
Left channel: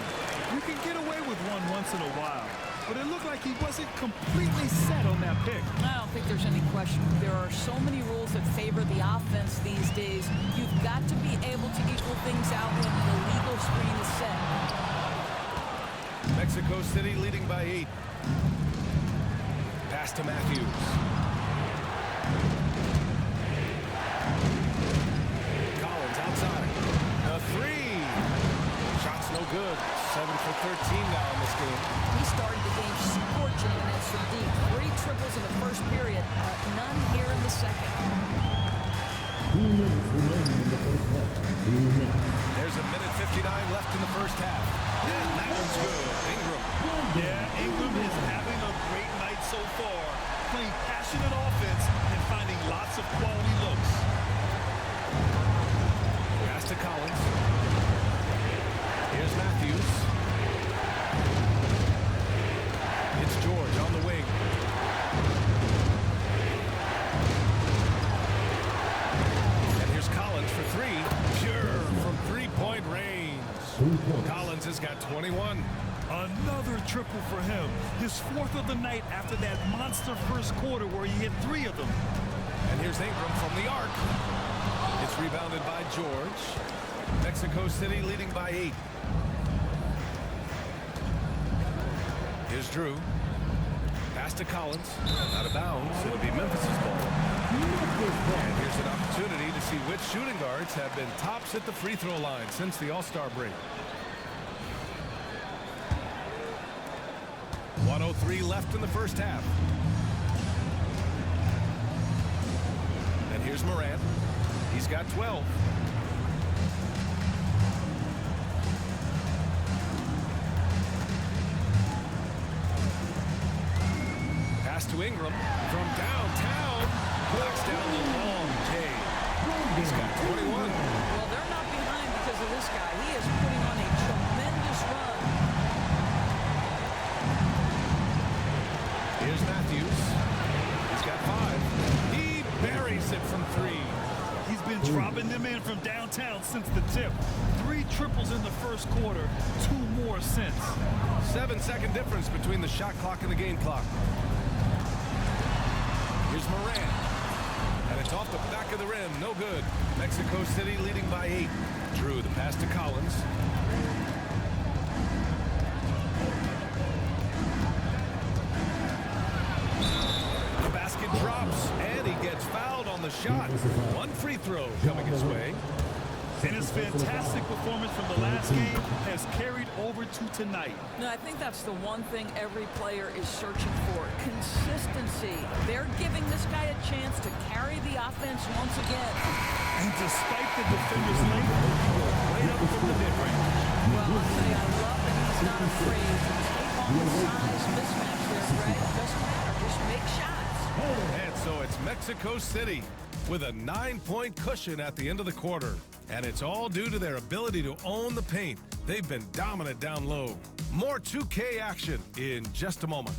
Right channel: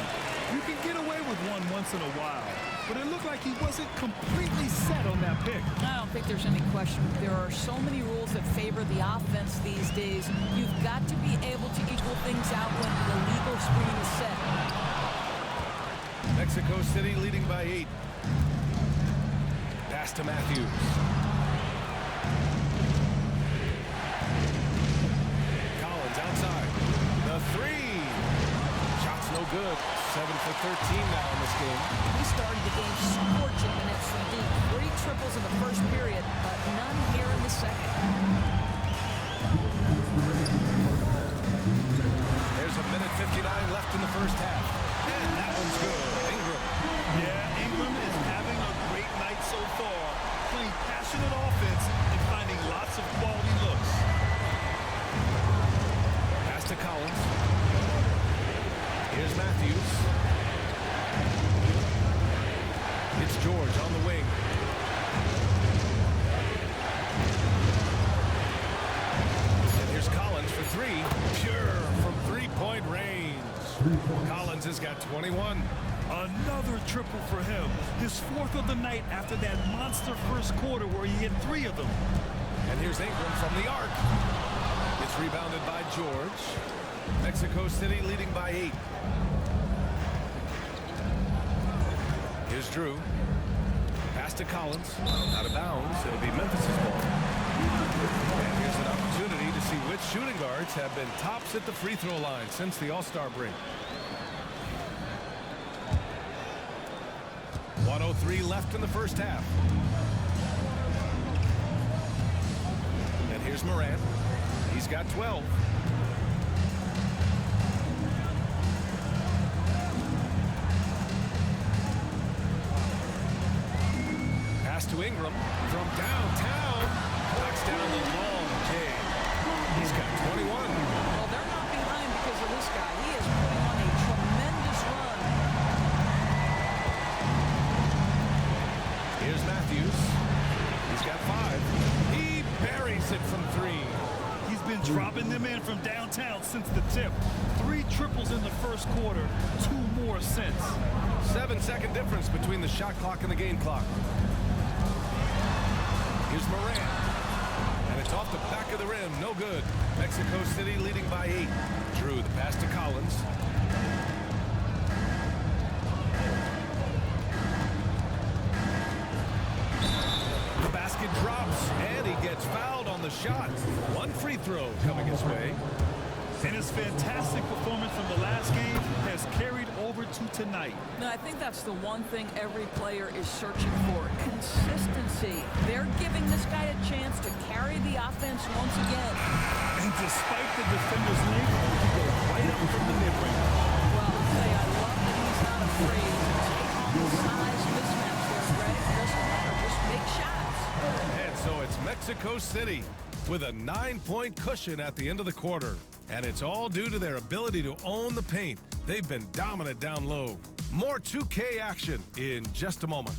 You can get away with one once in a while, but it looked like he wasn't completely set on that pick. I don't think there's any question. There are so many rules that favor the offense these days. You've got to be able to equal things out when the illegal screen is set. Mexico City leading by 8. Pass to Matthews. Collins outside. The 3. Shot's no good. 7 for 13 now in this game. He started the game scorching minutes from deep. 3 triples in the first period, but none here in the second. 2 minutes remaining in the first half. 2 minutes. There's a minute 59 left in the first half. And that one's good. Ingram. Yeah, Ingram is having a great night so far, playing passionate offense and finding lots of quality looks. Pass to Collins. Here's Matthews. It's George on the wing. And here's Collins for 3. Pure from three-point range. 3 points. Collins has got 21. Another triple for him. His 4th of the night after that monster first quarter where he hit 3 of them. And here's Ingram from the arc. It's rebounded by George. Mexico City leading by 8. Here's Drew. Pass to Collins. Out of bounds. It'll be Memphis's ball. And here's an opportunity to see which shooting guards have been tops at the free throw line since the All-Star break. 1:03 left in the first half. And here's Morant. He's got 12. Pass to Ingram from downtown. Knocks down the long J. He's got 21. Well, they're not behind because of this guy. He is putting on a tremendous run. Here's Matthews. He's got 5. He buries it from 3. He's been dropping them in from downtown since the tip. 3 triples in the first quarter, 2 more since. 7-second difference between the shot clock and the game clock. Here's Morant. And it's off the back of the rim. No good. Mexico City leading by 8. Drew the pass to Collins. The basket drops, and he gets fouled on the shot. 1 free throw coming his way. And his fantastic performance from the last game has carried over to tonight. No, I think that's the one thing every player is searching for. Consistency. They're giving this guy a chance to carry the offense once again. And despite the defender's length, he goes right up from the mid-range. Well, I'll tell you, I love that he's not afraid to take on the size mismatch there, Greg. Doesn't matter. Just make shots. And so it's Mexico City with a 9-point cushion at the end of the quarter. And it's all due to their ability to own the paint. They've been dominant down low. More 2K action in just a moment.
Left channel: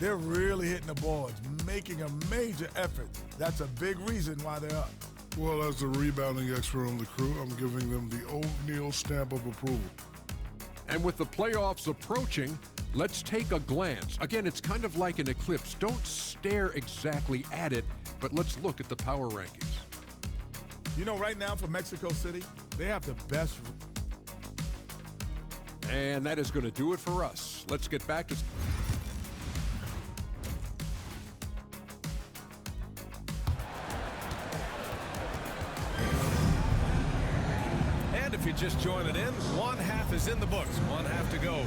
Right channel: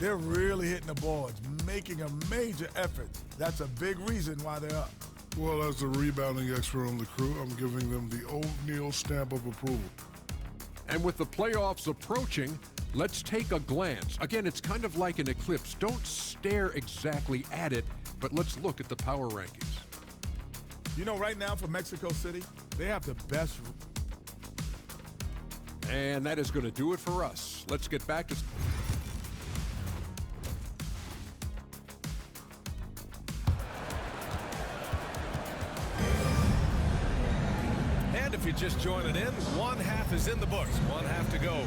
They're really hitting the boards, making a major effort. That's a big reason why they're up. Well, as the rebounding expert on the crew, I'm giving them the O'Neal stamp of approval. And with the playoffs approaching, let's take a glance. Again, it's kind of like an eclipse. Don't stare exactly at it, but let's look at the power rankings. You know, right now for Mexico City, they have the best. And that is going to do it for us. Let's get back to... And if you're just joining in, 1 half is in the books. 1 half to go.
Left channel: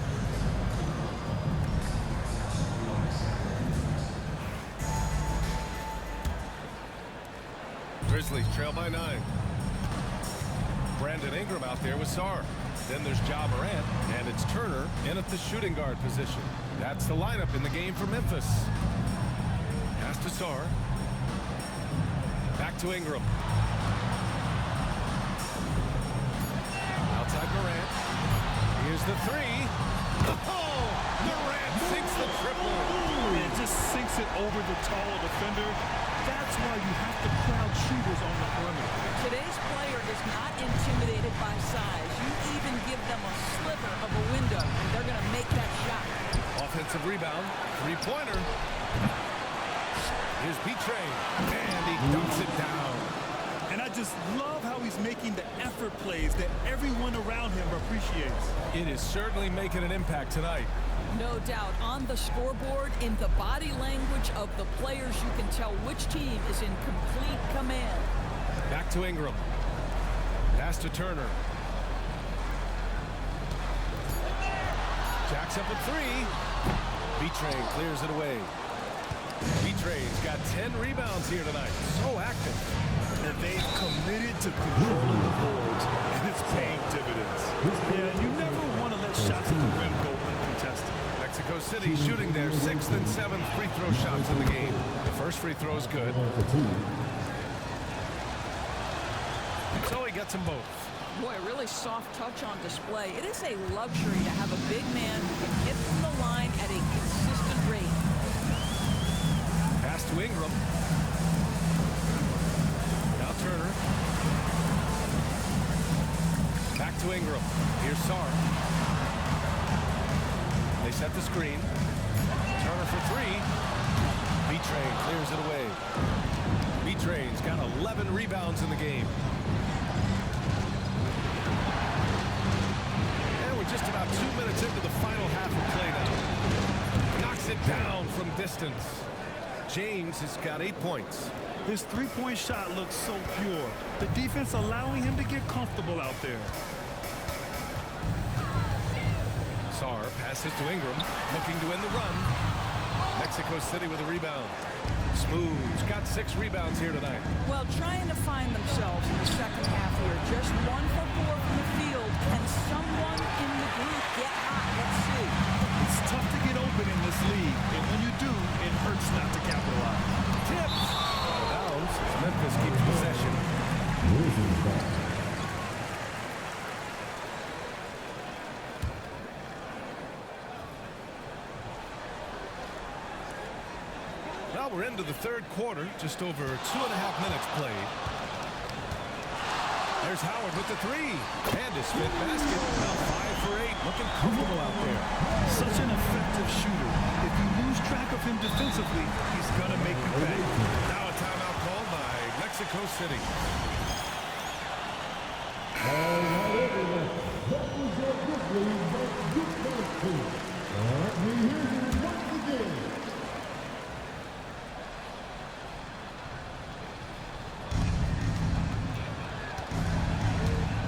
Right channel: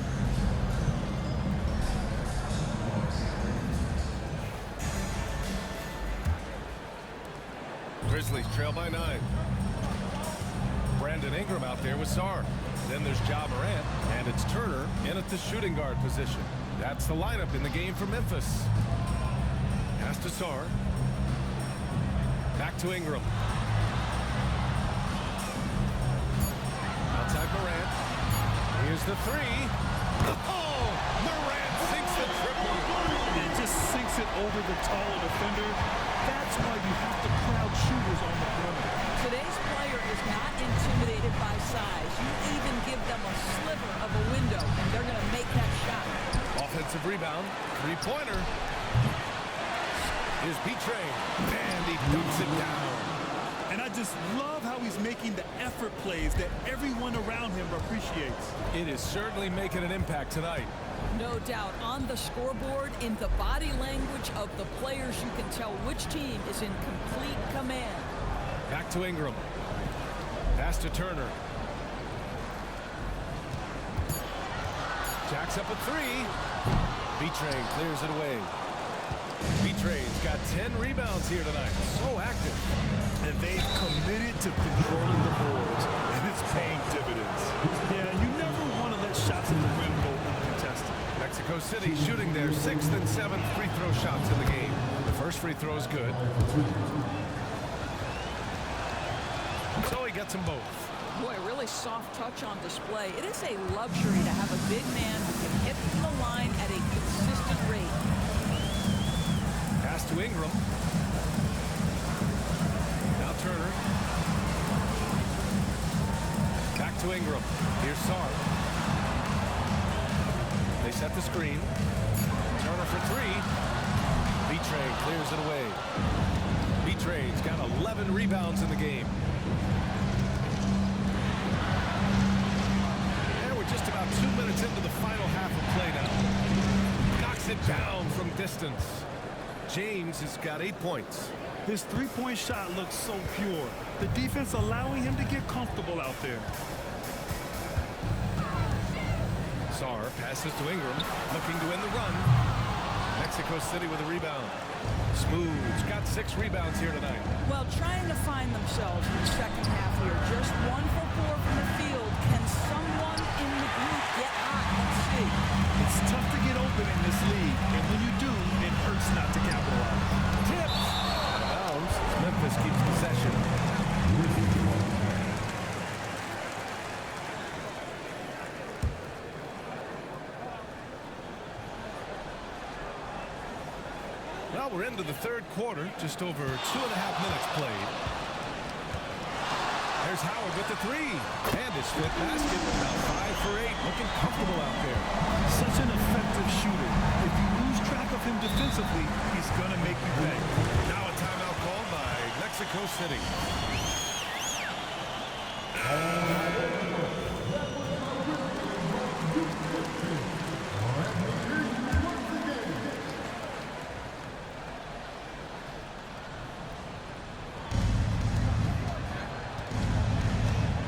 Grizzlies trail by 9. Brandon Ingram out there with Sarr. Then there's Ja Morant, and it's Turner in at the shooting guard position. That's the lineup in the game for Memphis. Pass to Sarr. Back to Ingram. Outside Morant. Here's the 3. Oh! Morant sinks the triple. And it just sinks it over the taller defender. That's why you have to crowd shooters on the perimeter. Today's player is not intimidated by size. You even give them a sliver of a window, and they're going to make that shot. Offensive rebound. 3-pointer. Here's B-Train. And he dunks it down. And I just love how he's making the effort plays that everyone around him appreciates. It is certainly making an impact tonight. No doubt. On the scoreboard, in the body language of the players, you can tell which team is in complete command. Back to Ingram. Pass to Turner. Jacks up at 3. B-Train clears it away. B-Train's got 10 rebounds here tonight. So active. And they've committed to controlling the boards, and it's paying dividends. Yeah, you never want to let shots at the rim go uncontested. Mexico City shooting their 6th and 7th free throw shots in the game. The first free throw is good. So he gets them both. Boy, a really soft touch on display. It is a luxury to have a big man who can hit from the line at a consistent rate. Pass to Ingram. Now Turner. Back to Ingram. Here's Sarr. They set the screen. Turner for 3. B-Train clears it away. B-Train's got 11 rebounds in the game. And we're just about 2 minutes into the final half of play now. Knocks it down from distance. James has got 8 points. His three-point shot looks so pure. The defense allowing him to get comfortable out there. Sarr passes to Ingram, looking to win the run. Mexico City with a rebound. Smooth's got 6 rebounds here tonight. Well, trying to find themselves in the second half here. Just 1 for 4 from the field. Can someone in the group get hot? Let's see. It's tough to get open in this league, and when you do, it hurts not to capitalize. Tips! Out of bounds as Memphis keeps possession. Well, we're into the third quarter, just over 2.5 minutes played. There's Howard with the 3. And his 5th basket. Now 5 for 8, looking comfortable out there. Such an effective shooter. If you lose track of him defensively, he's going to make you pay. Now a timeout called by Mexico City.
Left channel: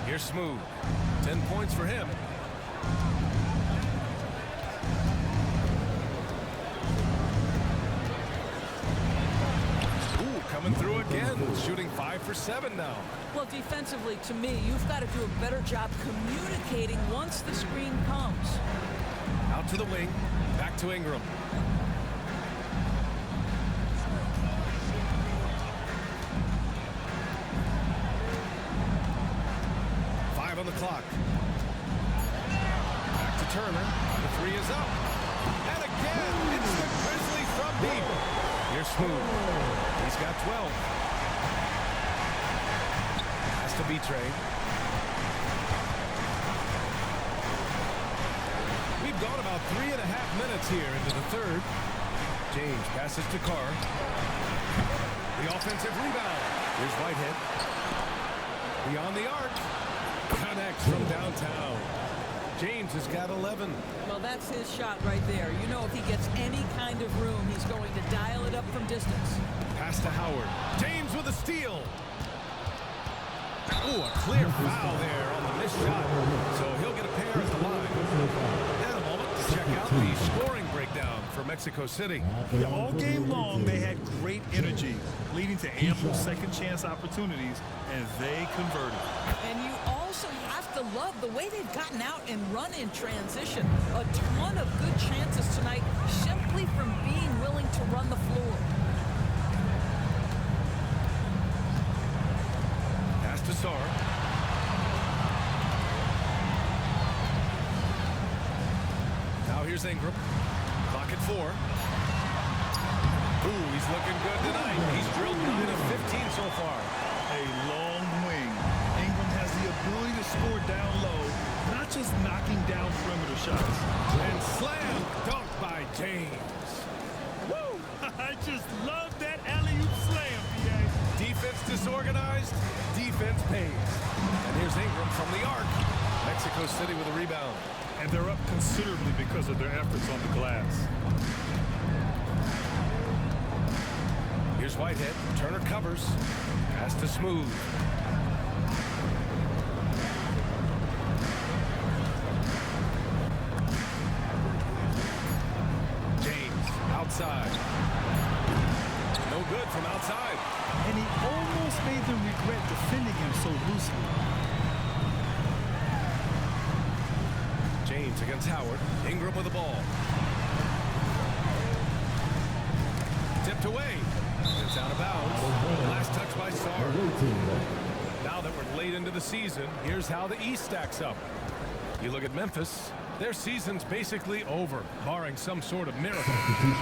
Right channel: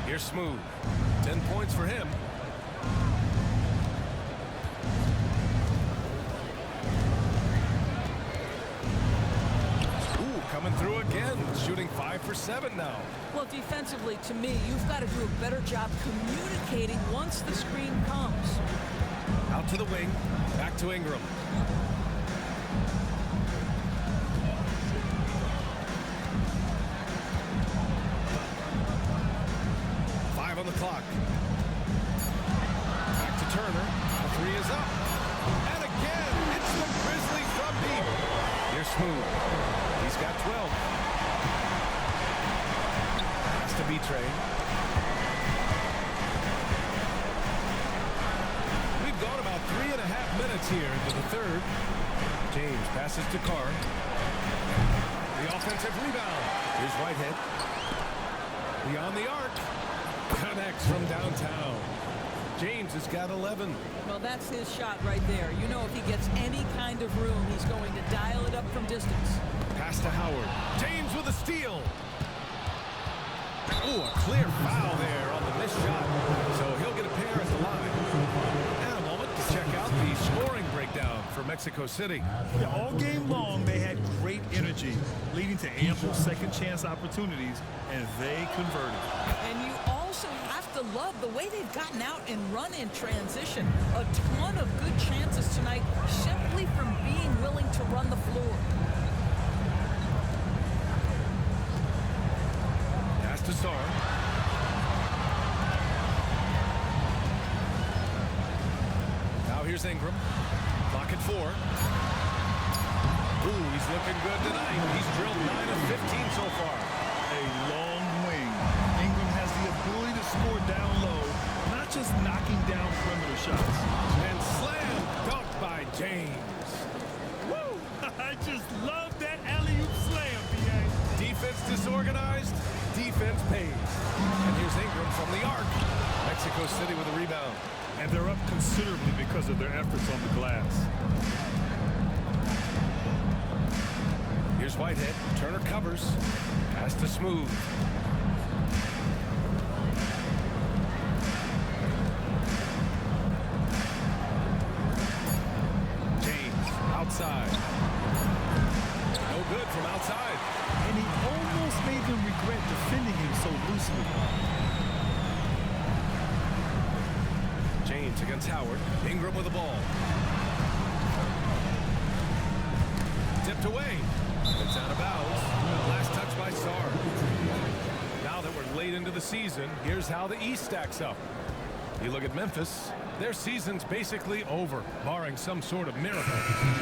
Here's Smooth. 10 points for him. Ooh, coming through again. Shooting 5 for 7 now. Well, defensively, to me, you've got to do a better job communicating once the screen comes. Out to the wing. Back to Ingram. On the clock. Back to Turner. The 3 is up. And again, it's the Grizzlies from deep. Here's Smooth. He's got 12. Has to be Trey. We've gone about 3.5 minutes here into the third. James passes to Carr. The offensive rebound. Here's Whitehead. Beyond the arc. Connects from downtown. James has got 11. Well, that's his shot right there. You know, if he gets any kind of room, he's going to dial it up from distance. Pass to Howard. James with a steal. Oh, a clear foul there on the missed shot. So he'll get a pair at the line. And a moment to check out the scoring breakdown for Mexico City. Yeah, all game long, they had great energy, leading to ample second chance opportunities, and they converted. And you also have to love the way they've gotten out and run in transition. A ton of good chances tonight simply from being willing to run the floor. Pass to Sarr. Now here's Ingram. Clock at 4. Ooh, he's looking good tonight. He's drilled 9 of 15 so far. A long wing. Ingram has the ability to score down low, not just knocking down perimeter shots. And slam dunk by James. Woo! I just love that alley-oop slam, PA. Defense disorganized, defense pays. And here's Ingram from the arc. Mexico City with a rebound. And they're up considerably because of their efforts on the glass. Here's Whitehead. Turner covers. Pass to Smooth. James outside. No good from outside. And he almost made them regret defending him so loosely. James against Howard. Ingram with the ball. Tipped away. It's out of bounds. Last touch by Sarr. Now that we're late into the season, here's how the East stacks up. You look at Memphis, their season's basically over, barring some sort of miracle.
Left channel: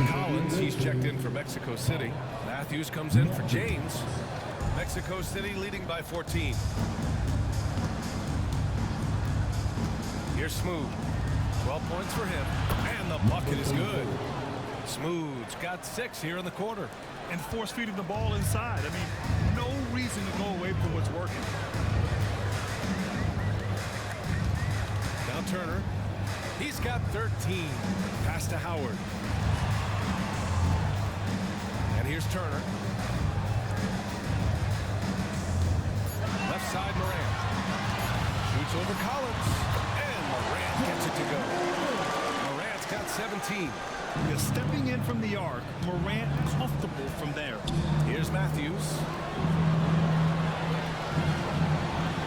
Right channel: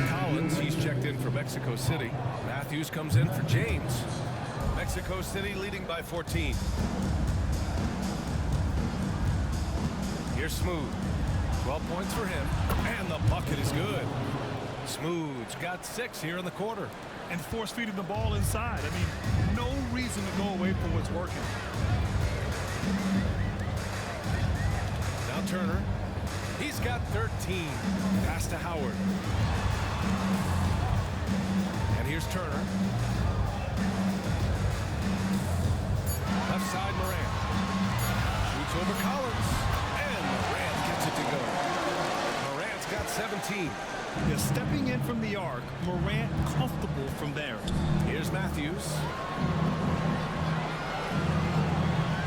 Collins, he's checked in for Mexico City. Matthews comes in for James. Mexico City leading by 14. Here's Smooth. 12 points for him, and the bucket is good. Smooth's got 6 here in the quarter. And force feeding the ball inside. I mean, no reason to go away from what's working. Now Now Turner. He's got 13. Pass to Howard. And here's Turner. Left side, Morant. Shoots over Collins. And Morant gets it to go. Morant's got 17. Yeah, stepping in from the arc, Morant comfortable from there. Here's Matthews.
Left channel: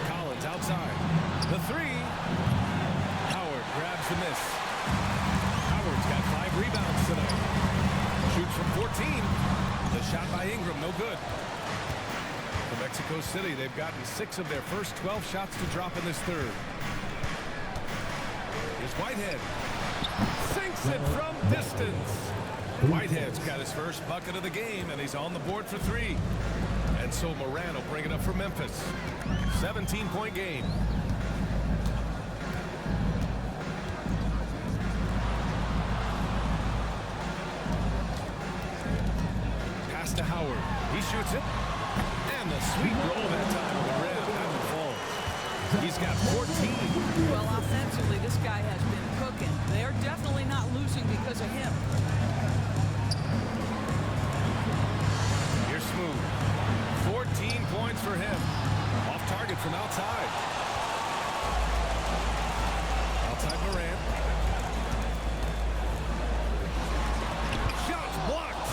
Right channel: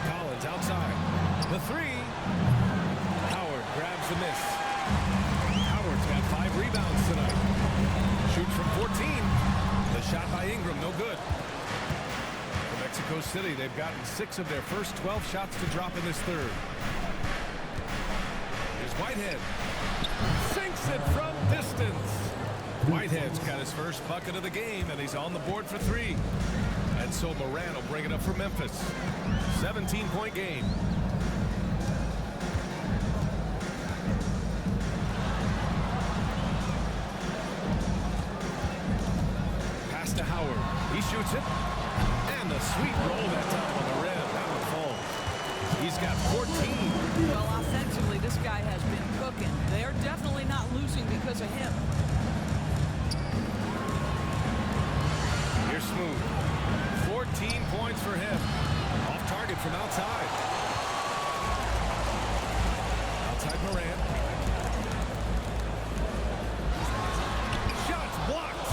Collins outside. The three. Howard grabs the miss. Howard's got 5 rebounds tonight. Shoots from 14. The shot by Ingram, no good. For Mexico City, they've gotten 6 of their first 12 shots to drop in this third. Here's Whitehead. Sinks it from distance. Whitehead's got his first bucket of the game, and he's on the board for 3. And so Morant will bring it up for Memphis. 17-point game. Pass to Howard. He shoots it. And the sweet roll that time on the rim. That one falls. He's got 14. Well, offensively, this guy has been cooking. They're definitely not losing because of him. Here's Smooth. 14 points for him. Off target from outside. Outside Morant. Shots blocked.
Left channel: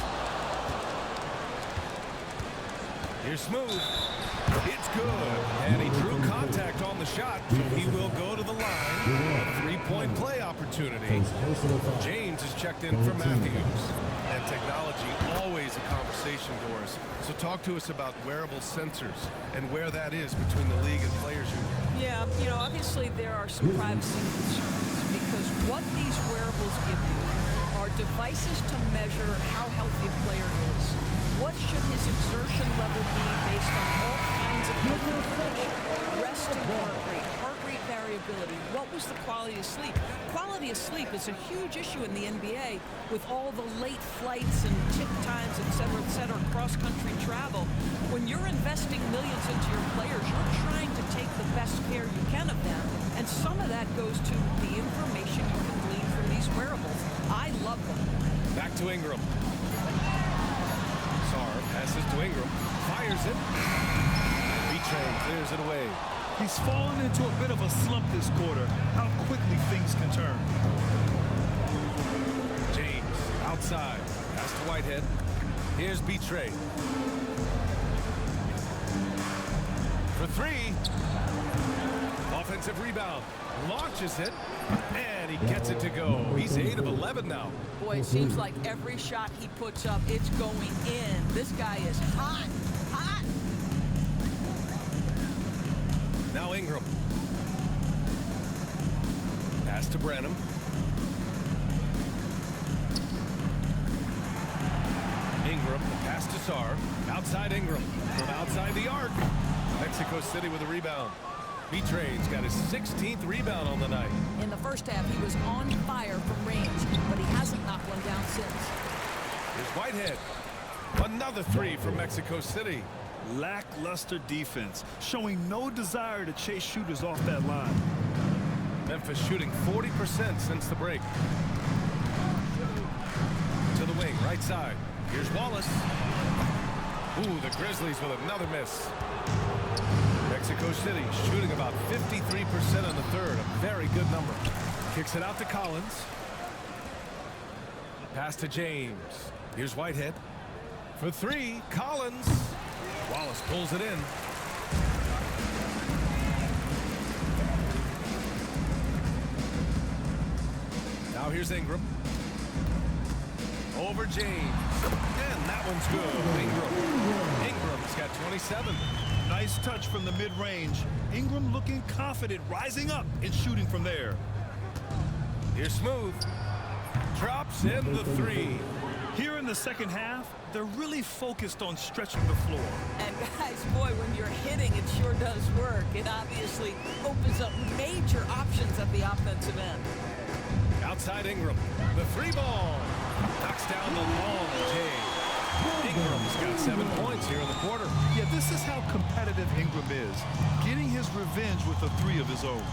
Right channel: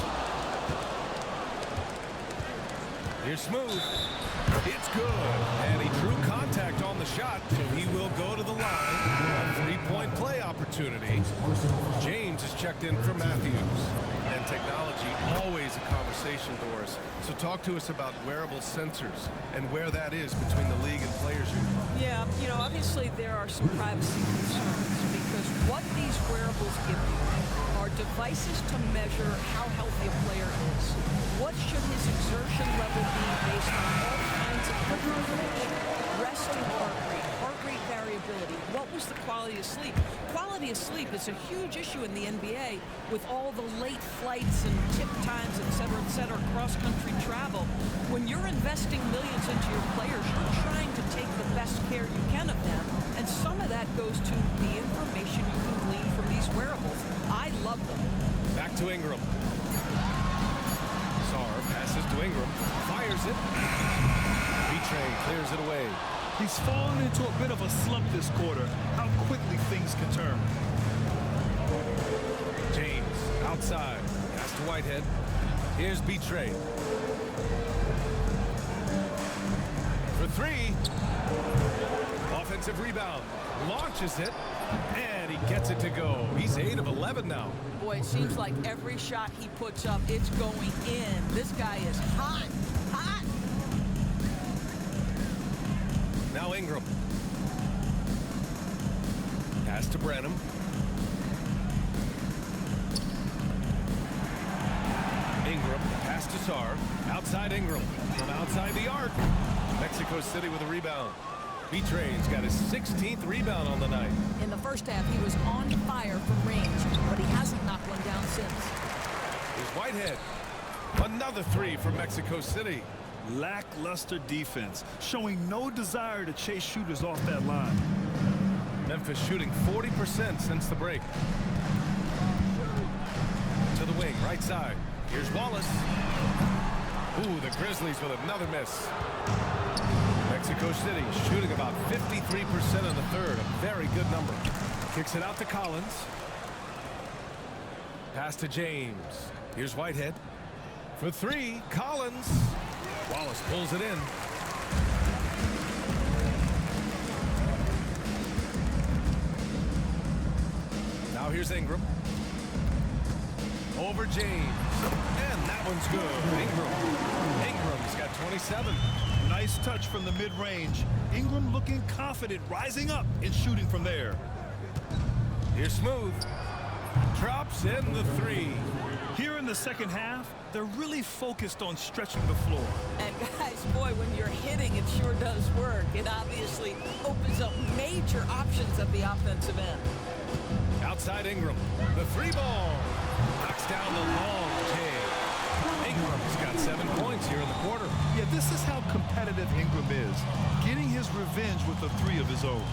Here's Smooth. It's good. And he drew contact on the shot, so he will go to the line. A 3-point play opportunity. James is checked in for Matthews. And technology, always a conversation, Doris. So talk to us about wearable sensors and where that is between the league and players union. Yeah, you know, obviously there are some privacy concerns because what these wearables give you are devices to measure how healthy a player is. What should his exertion level be based on all kinds of health information? Resting heart rate variability. What was the quality of sleep? Quality of sleep is a huge issue in the NBA with all the late flights and tip times, et cetera, cross-country travel. When you're investing millions into your players, you're trying to take the best care you can of them. And some of that goes to the information you can glean from these wearables. I love them. Back to Ingram. Sarr passes to Ingram. Fires it. B-Train clears it away. He's fallen into a bit of a slump this quarter. How quickly things can turn. James outside. Pass to Whitehead. Here's B-Train. For 3. Offensive rebound. Launches it. And he gets it to go. He's 8 of 11 now. Boy, it seems like every shot he puts up, it's going in. This guy is hot. Hot. Now Ingram. Pass to Branham. Ingram, the pass to Sarr. Outside Ingram. From outside the arc. Mexico City with a rebound. B-Train's got his 16th rebound on the night. In the first half, he was on fire from range, but he hasn't knocked one down since. Here's Whitehead. Another 3 from Mexico City. Lackluster defense, showing no desire to chase shooters off that line. Memphis shooting 40% since the break. To the wing, right side. Here's Wallace. Ooh, the Grizzlies with another miss. Mexico City shooting about 53% in the third, a very good number. Kicks it out to Collins. Pass to James. Here's Whitehead. For 3, Collins. Wallace pulls it in. Now here's Ingram. Over James. And that one's good. Ingram's got 27. Nice touch from the mid-range. Ingram looking confident, rising up and shooting from there. Here's Smooth. Drops in the 3. Here in the second half, they're really focused on stretching the floor. And guys, boy, when you're hitting, it sure does work. It obviously opens up major options at the offensive end. Outside Ingram. The 3 ball. Knocks down the long J. Ingram's got 7 points here in the quarter. Yeah, this is how competitive Ingram is. Getting his revenge with a 3 of his own.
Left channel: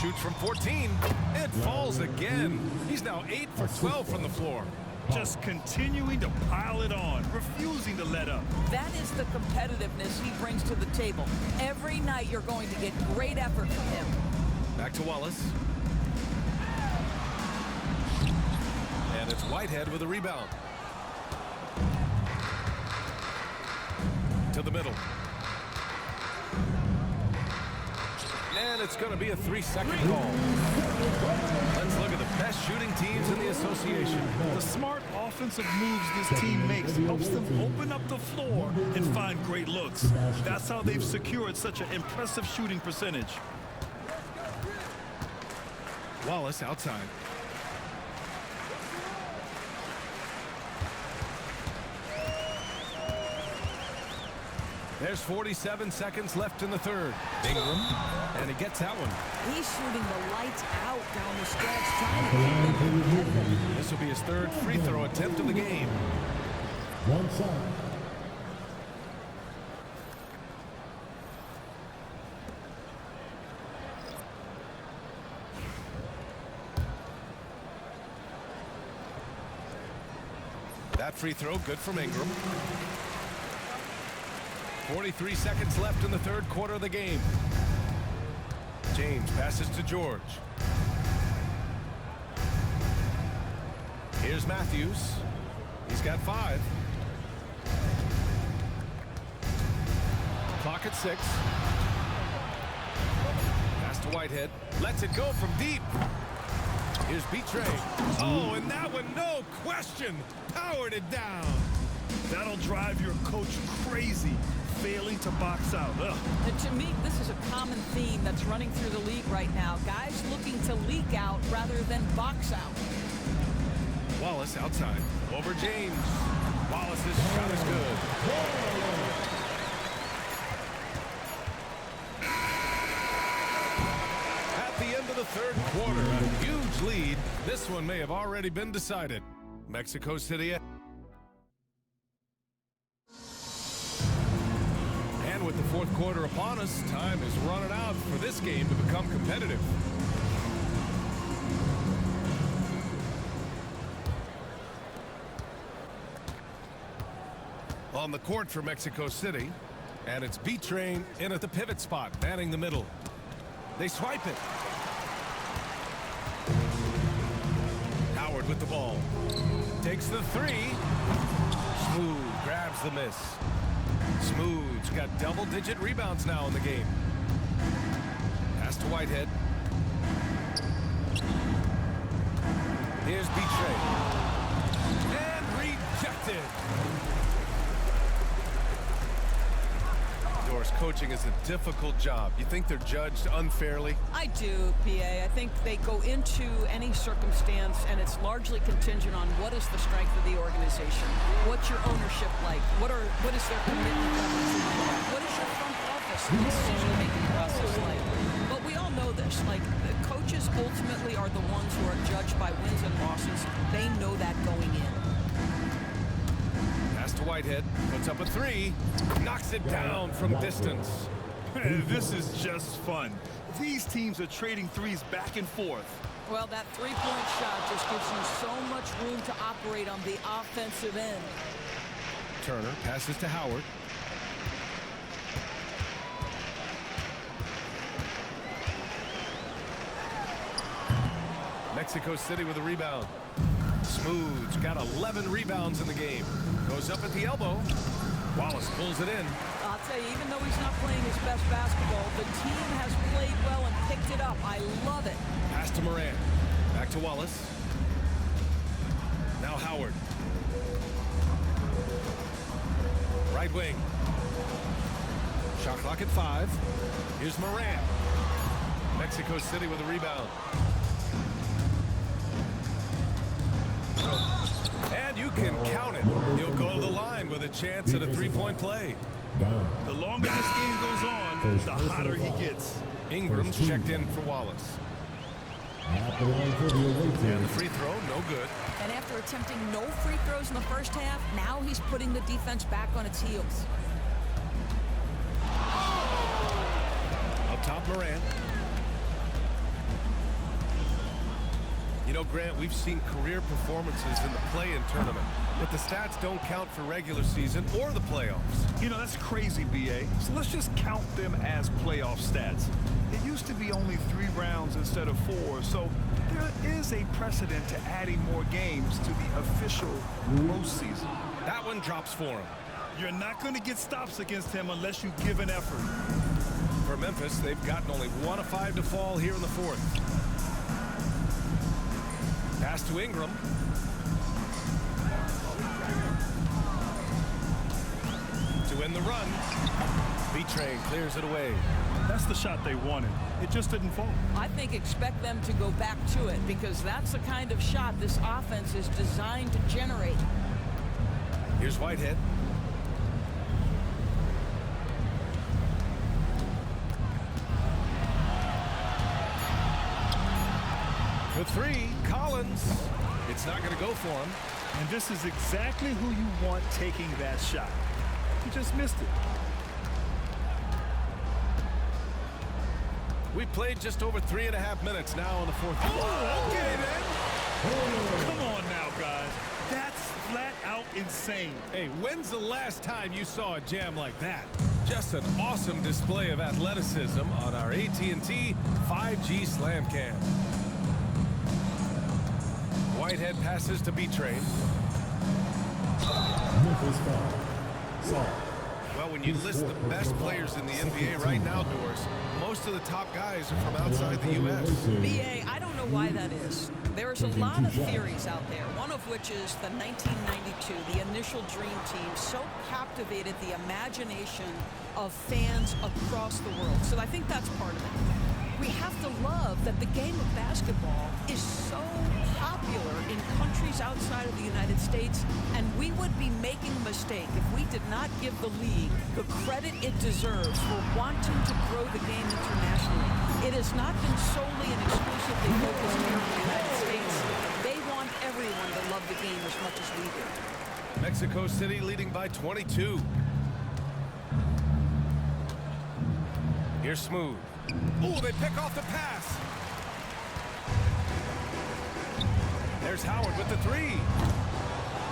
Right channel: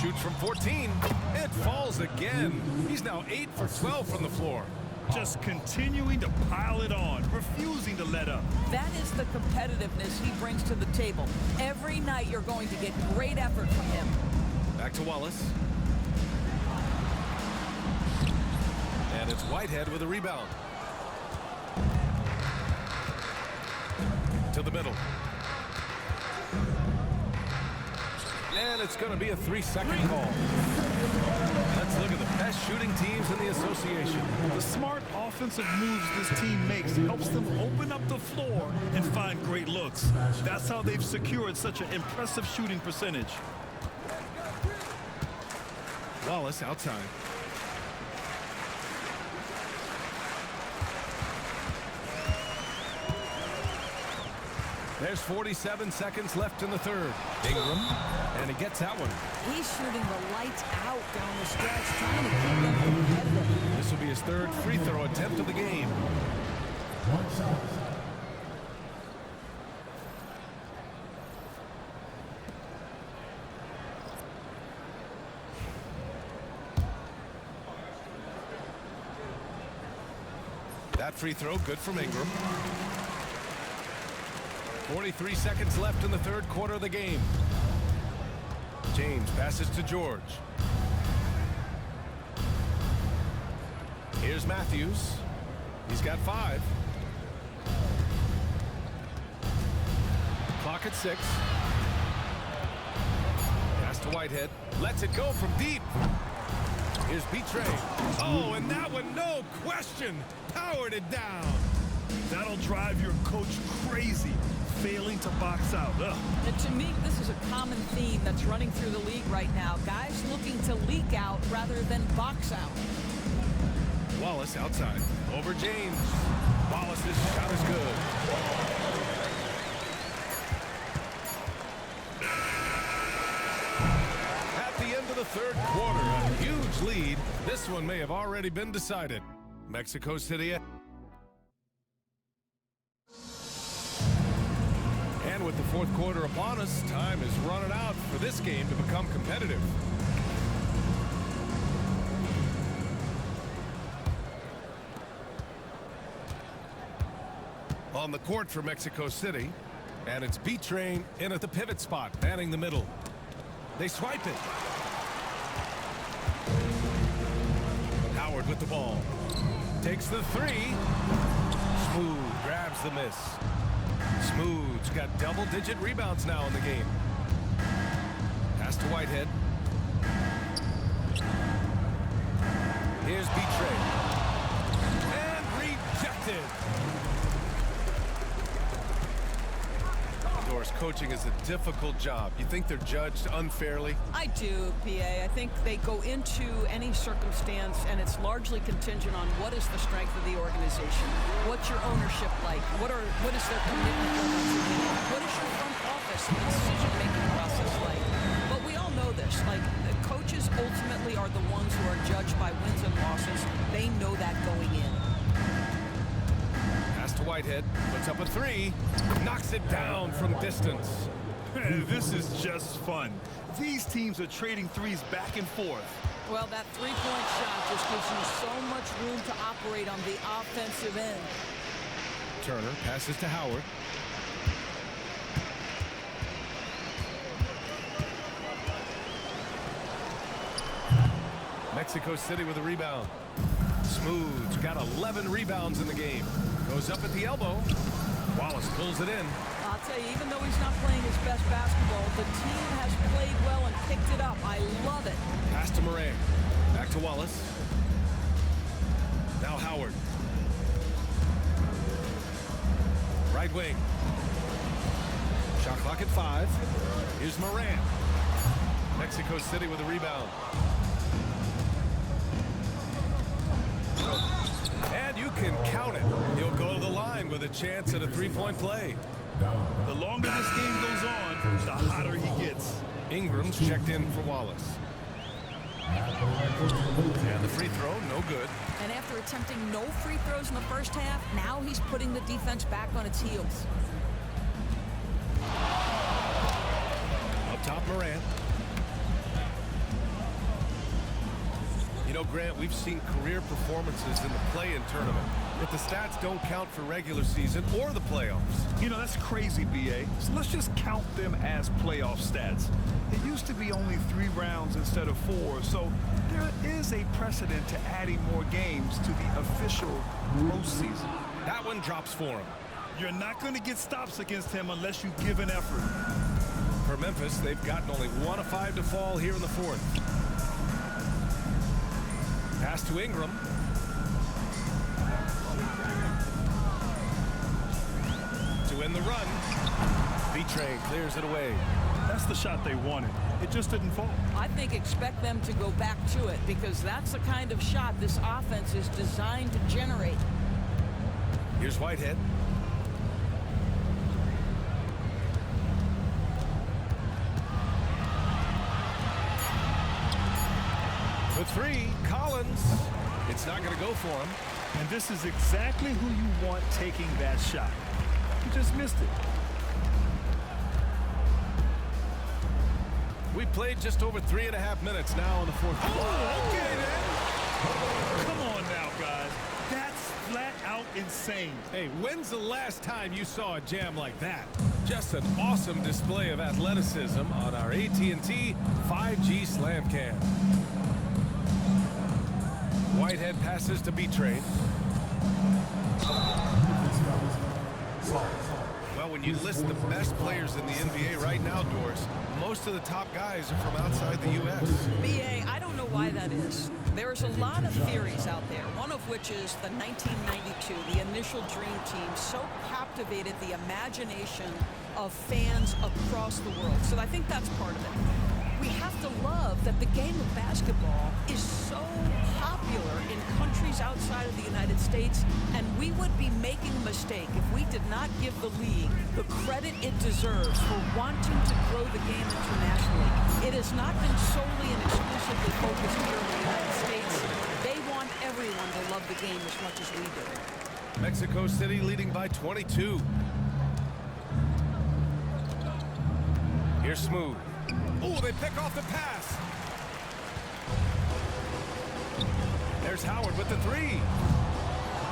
Shoots from 14. It falls again. He's now 8 for 12 from the floor. Just continuing to pile it on, refusing to let up. That is the competitiveness he brings to the table. Every night you're going to get great effort from him. Back to Wallace. And it's Whitehead with a rebound. To the middle. And it's going to be a 3-second call. Let's look at the best shooting teams in the association. The smart offensive moves this team makes helps them open up the floor and find great looks. That's how they've secured such an impressive shooting percentage. Wallace outside. There's 47 seconds left in the third. Ingram, and he gets that one. He's shooting the lights out down the stretch, trying to keep them competitive. This will be his third free throw attempt of the game. One shot. That free throw good from Ingram. 43 seconds left in the third quarter of the game. James passes to George. Here's Matthews. He's got 5. Clock at 6. Pass to Whitehead. Lets it go from deep. Here's Betray. Oh, and that one, no question, powered it down. That'll drive your coach crazy, failing to box out. Ugh. And to me, this is a common theme that's running through the league right now. Guys looking to leak out rather than box out. Wallace outside. Over James. Wallace's shot is good. At the end of the third quarter, a huge lead. This one may have already been decided. Mexico City. And with the fourth quarter upon us, time is running out for this game to become competitive. On the court for Mexico City, and it's B-Train in at the pivot spot, manning the middle. They swipe it. Howard with the ball. Takes the 3. Smooth grabs the miss. Smooth's got double-digit rebounds now in the game. Pass to Whitehead. Here's B-Train. And rejected. Doris, coaching is a difficult job. You think they're judged unfairly? I do, PA. I think they go into any circumstance, and it's largely contingent on what is the strength of the organization. What's your ownership like? What is their commitment level to winning? What is your front office and decision-making process like? But we all know this. Like, the coaches ultimately are the ones who are judged by wins and losses. They know that going in. Pass to Whitehead, puts up a 3, knocks it down from distance. This is just fun. These teams are trading threes back and forth. Well, that three-point shot just gives you so much room to operate on the offensive end. Turner passes to Howard. Mexico City with a rebound. Smooth's got 11 rebounds in the game. Goes up at the elbow. Wallace pulls it in. I'll tell you, even though he's not playing his best basketball, the team has played well and picked it up. I love it. Pass to Moran. Back to Wallace. Now Howard. Right wing. Shot clock at 5. Here's Moran. Mexico City with a rebound. And you can count it. He'll go to the line with a chance at a three-point play. The longer this game goes on, the hotter he gets. Ingram's checked in for Wallace. And the free throw, no good. And after attempting no free throws in the first half, now he's putting the defense back on its heels. Up top, Moran. You know, Grant, we've seen career performances in the play-in tournament, but the stats don't count for regular season or the playoffs. You know, that's crazy, B.A. So let's just count them as playoff stats. It used to be only 3 rounds instead of 4, so there is a precedent to adding more games to the official postseason. That one drops for him. You're not going to get stops against him unless you give an effort. For Memphis, they've gotten only 1 of 5 to fall here in the 4th. Pass to Ingram. To end the run. B-Train clears it away. That's the shot they wanted. It just didn't fall. I think expect them to go back to it because that's the kind of shot this offense is designed to generate. Here's Whitehead. For 3, Collins. It's not going to go for him. And this is exactly who you want taking that shot. He just missed it. We played just over 3.5 minutes now in the 4th. Oh, okay then. Come on now, guys. That's flat out insane. Hey, when's the last time you saw a jam like that? Just an awesome display of athleticism on our AT&T 5G Slam Cam. Whitehead passes to B-Train. Well, when you list the best players in the NBA right now, Doris, most of the top guys are from outside the U.S. B.A., I don't know why that is. There's a lot of theories out there, one of which is the 1992, the initial Dream Team, so captivated the imagination of fans across the world. So I think that's part of it. We have to love that the game of basketball is so popular in countries outside of the United States, and we would be making a mistake if we did not give the league the credit it deserves for wanting to grow the game internationally. It has not been solely and exclusively focused here in the United States. They want everyone to love the game as much as we do. Mexico City leading by 22. Here's Smooth. Oh, they pick off the pass. There's Howard with the 3.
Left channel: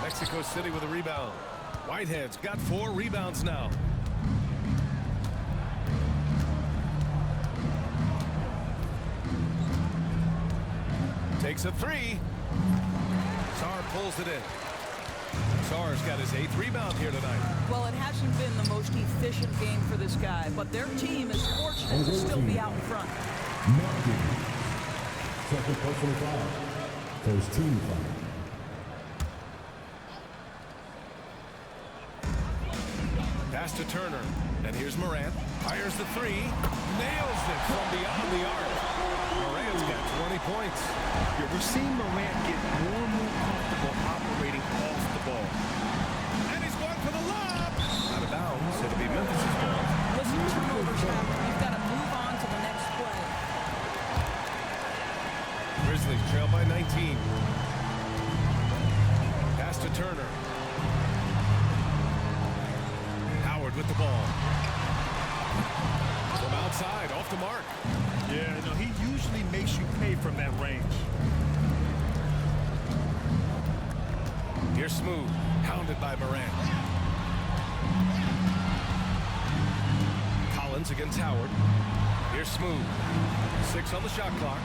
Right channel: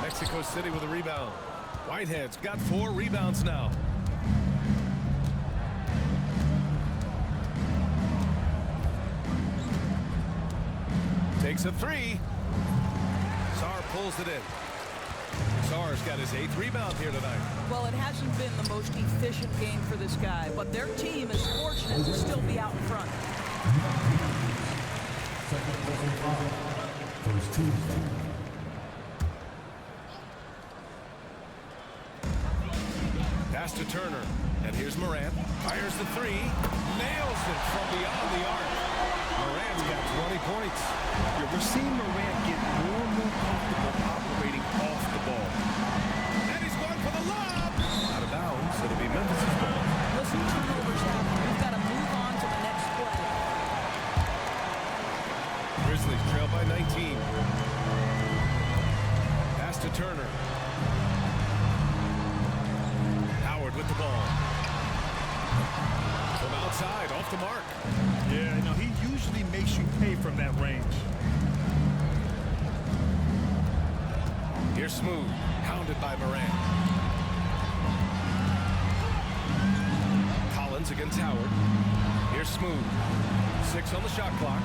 Mexico City with a rebound. Whitehead's got 4 rebounds now. Takes a 3. Sarr pulls it in. Sarr's got his 8th rebound here tonight. Well, it hasn't been the most efficient game for this guy, but their team is fortunate to still be out in front. Second personal foul. First team foul. Pass to Turner. And here's Morant. Fires the 3. Nails it from beyond the arc. Morant's got 20 points. Yeah, we're seeing Morant get more and more comfortable operating off the ball. And he's going for the lob. Out of bounds. It'll be Memphis's ball. Listen, turnovers happen. We've got to move on to the next play. Grizzlies trail by 19. Pass to Turner. Howard with the ball. From outside, off the mark. Yeah, no, he usually makes you pay from that range. Here's Smooth, hounded by Morant. Collins against Howard. Here's Smooth. 6 on the shot clock.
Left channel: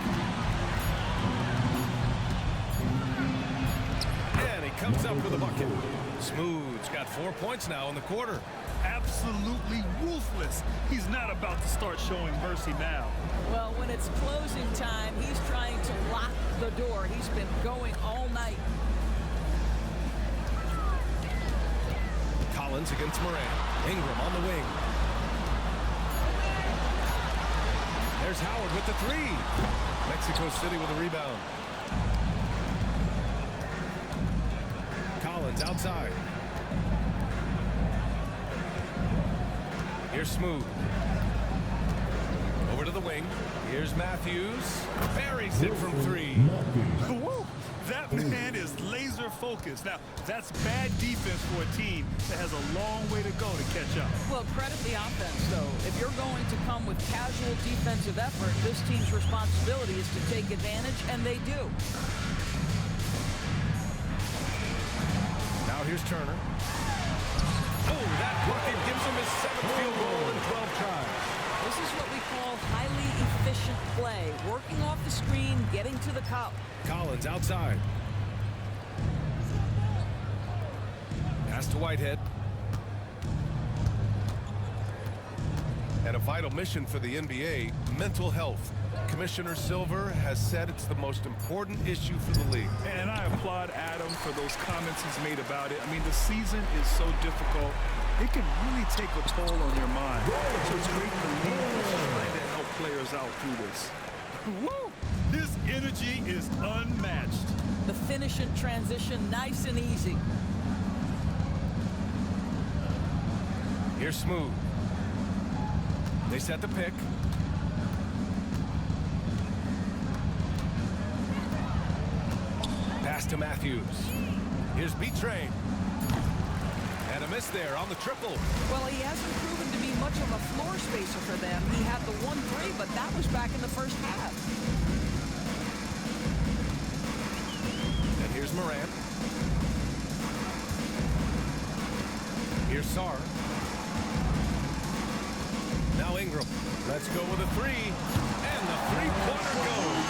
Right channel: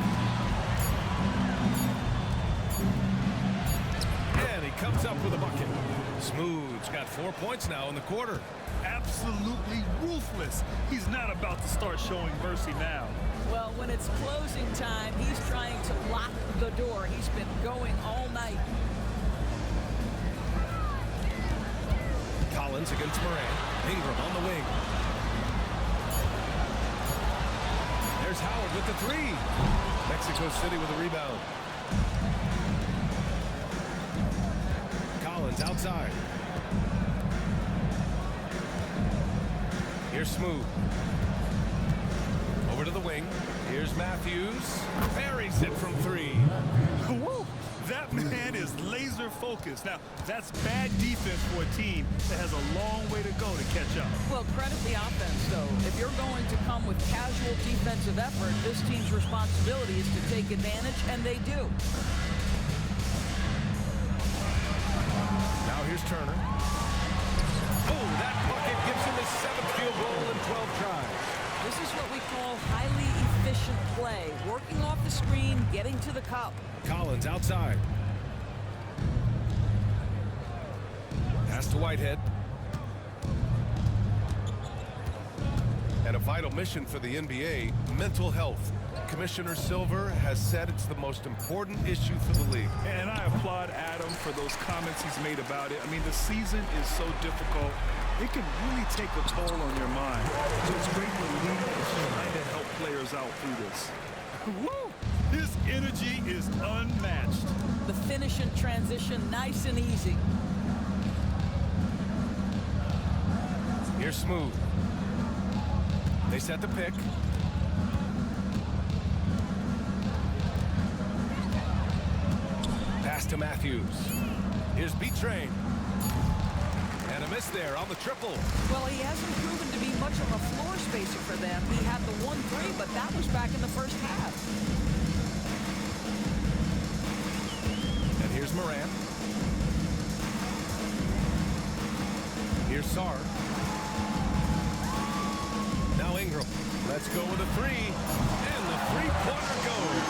And he comes up with a bucket. Smooth's got 4 points now in the quarter. Absolutely ruthless. He's not about to start showing mercy now. Well, when it's closing time, he's trying to lock the door. He's been going all night. Collins against Morant. Ingram on the wing. There's Howard with the 3. Mexico City with a rebound. Collins outside. Here's Smooth. Over to the wing. Here's Matthews. Buries it from 3. Woo! That man is laser focused. Now, that's bad defense for a team that has a long way to go to catch up. Well, credit the offense, though. If you're going to come with casual defensive effort, this team's responsibility is to take advantage, and they do. Now here's Turner. Oh, that bucket gives him his 7th field goal in 12 tries. This is what we call highly efficient play. Working off the screen, getting to the cup. Collins outside. Pass to Whitehead. And a vital mission for the NBA, mental health. Commissioner Silver has said it's the most important issue for the league. And I applaud Adam for those comments he's made about it. I mean, the season is so difficult. It can really take a toll on your mind. So it's great the league is trying to help players out through this. Woo! His energy is unmatched. The finish and transition, nice and easy. Here's Smooth. They set the pick. Pass to Matthews. Here's B-Train. And a miss there on the triple. Well, he hasn't proven to be much of a floor spacer for them. He had the 1-3, but that was back in the first half. And here's Morant. Here's Sarr. Now Ingram. Let's go with a 3. And the three-pointer goes.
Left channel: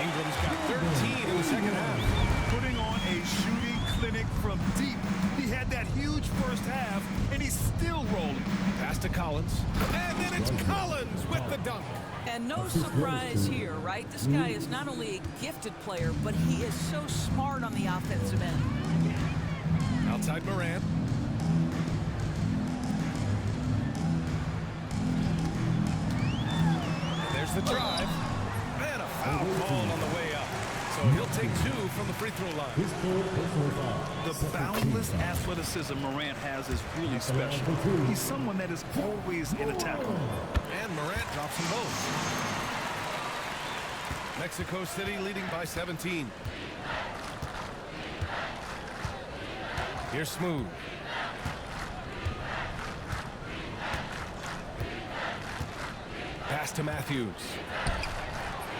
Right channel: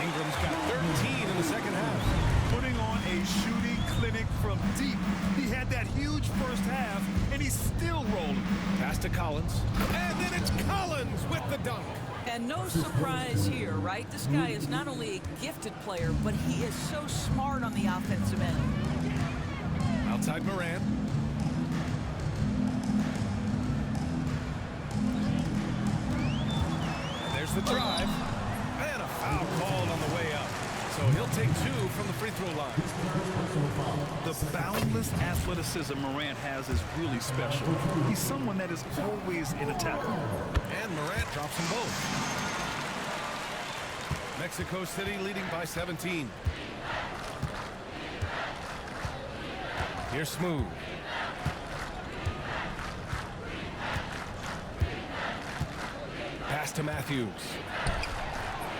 Ingram's got 13 in the second half. Putting on a shooting clinic from deep. He had that huge first half, and he's still rolling. Pass to Collins. And then it's Collins with the dunk. And no surprise here, right? This guy is not only a gifted player, but he is so smart on the offensive end. Outside Morant. And there's the drive. And a foul called on the way up. So he'll take 2 from the free throw line. The boundless athleticism Morant has is really special. He's someone that is always in attack mode. And Morant drops them both. Mexico City leading by 17. Here's Smooth. Pass to Matthews.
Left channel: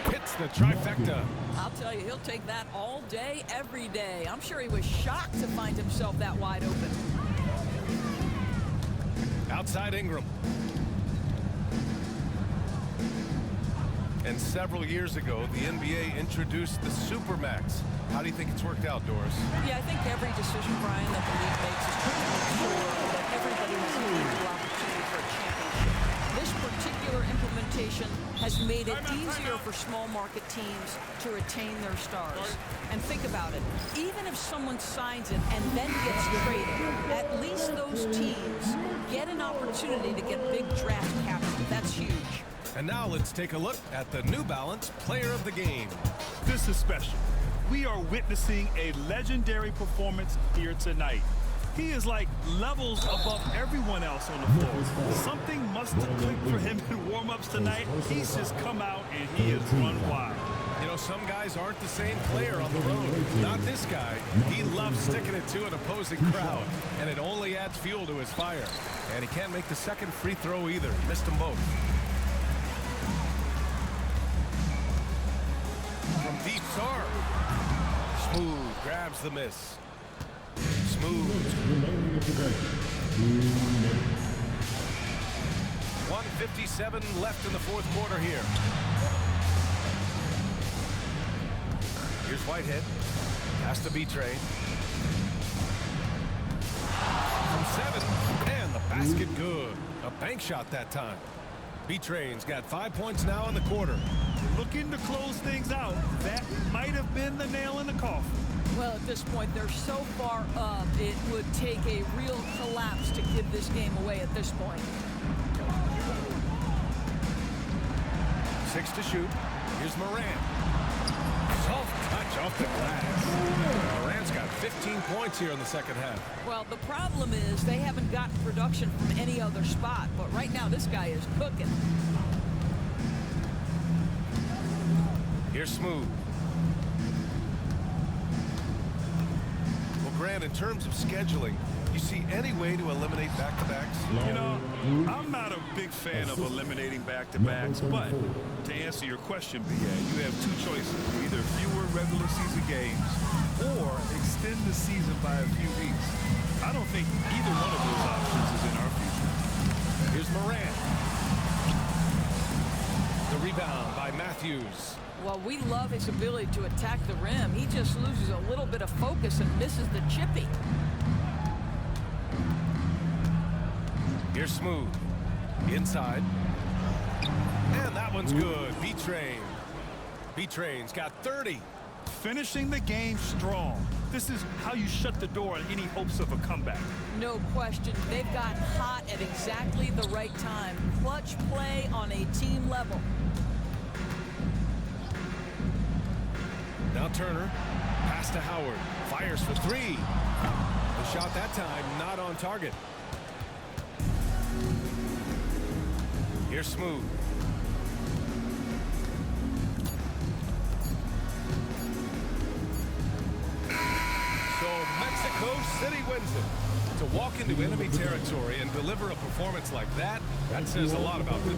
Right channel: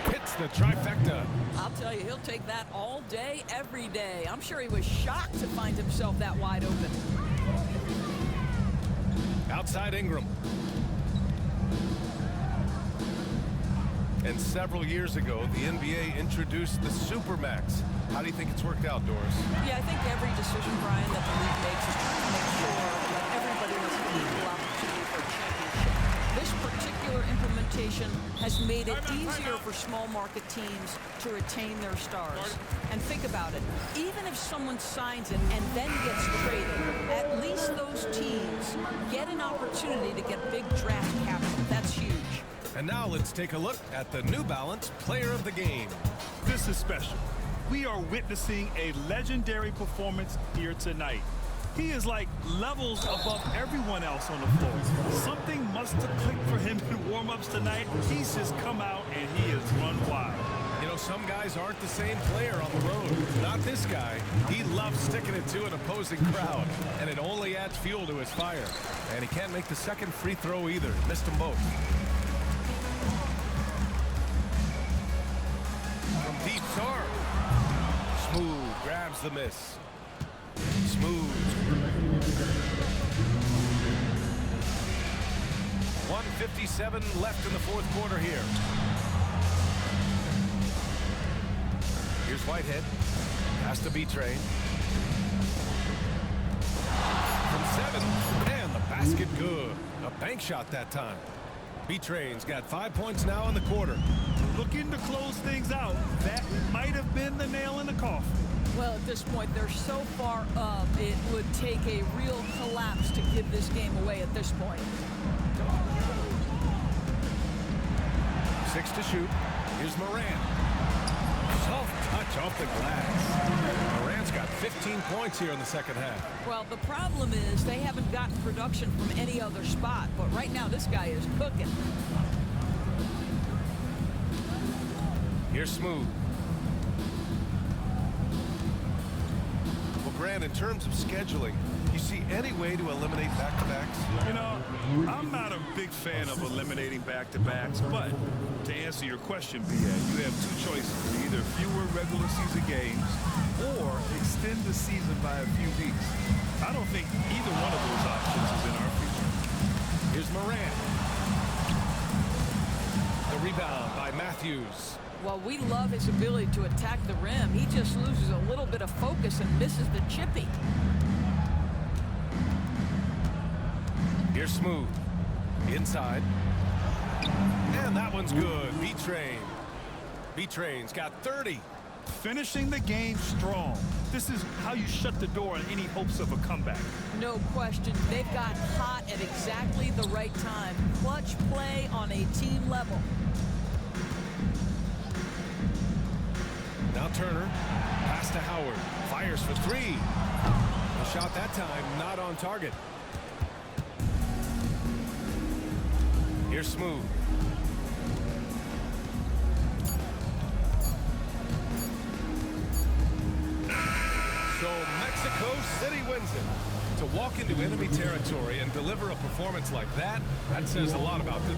Hits the trifecta. I'll tell you, he'll take that all day, every day. I'm sure he was shocked to find himself that wide open. Outside Ingram. And several years ago, the NBA introduced the Supermax. How do you think it's worked out, Doris? Yeah, I think every decision, Brian, that the league makes is trying to make sure that everybody has an equal opportunity for a championship. This particular implementation has made it easier for small market teams to retain their stars. And think about it, even if someone signs it and then gets traded, at least those teams get an opportunity to get big draft capital. That's huge. And now let's take a look at the New Balance Player of the Game. This is special. We are witnessing a legendary performance here tonight. He is like levels above everyone else on the floor. Something must have clicked for him in warm-ups tonight. He's just come out and he has run wild. You know, some guys aren't the same player on the road. Not this guy. He loves sticking it to an opposing crowd, and it only adds fuel to his fire. And he can't make the second free throw either. He missed them both. From deep, Sarr. Smooth grabs the miss. Smooth. 1:57 left in the fourth quarter here. Here's Whitehead. Pass to B-Train. From 7, and the basket good. A bank shot that time. B-Train's got 5 points now in the quarter. Looking to close things out. That might have been the nail in the coffin. Well, at this point, they're so far up, it would take a real collapse to give this game away at this point. 6 to shoot. Here's Morant. Soft touch off the glass. Morant's got 15 points here in the second half. Well, the problem is they haven't gotten production from any other spot, but right now this guy is cooking. Here's Smooth. Grant, in terms of scheduling, you see any way to eliminate back-to-backs? You know, I'm not a big fan of eliminating back-to-backs, but to answer your question, BA, you have two choices. Either fewer regular season games or extend the season by a few weeks. I don't think either one of those options is in our future. Here's Morant. The rebound by Matthews. Well, we love his ability to attack the rim. He just loses a little bit of focus and misses the chippy. Here's Smooth. Inside. And that one's good. B-Train. B-Train's got 30. Finishing the game strong. This is how you shut the door on any hopes of a comeback. No question. They've got hot at exactly the right time. Clutch play on a team level. Now Turner. Pass to Howard. Fires for three. The shot that time not on target. Here's Smooth. So Mexico City wins it. To walk into enemy territory and deliver a performance like that, that says a lot about them.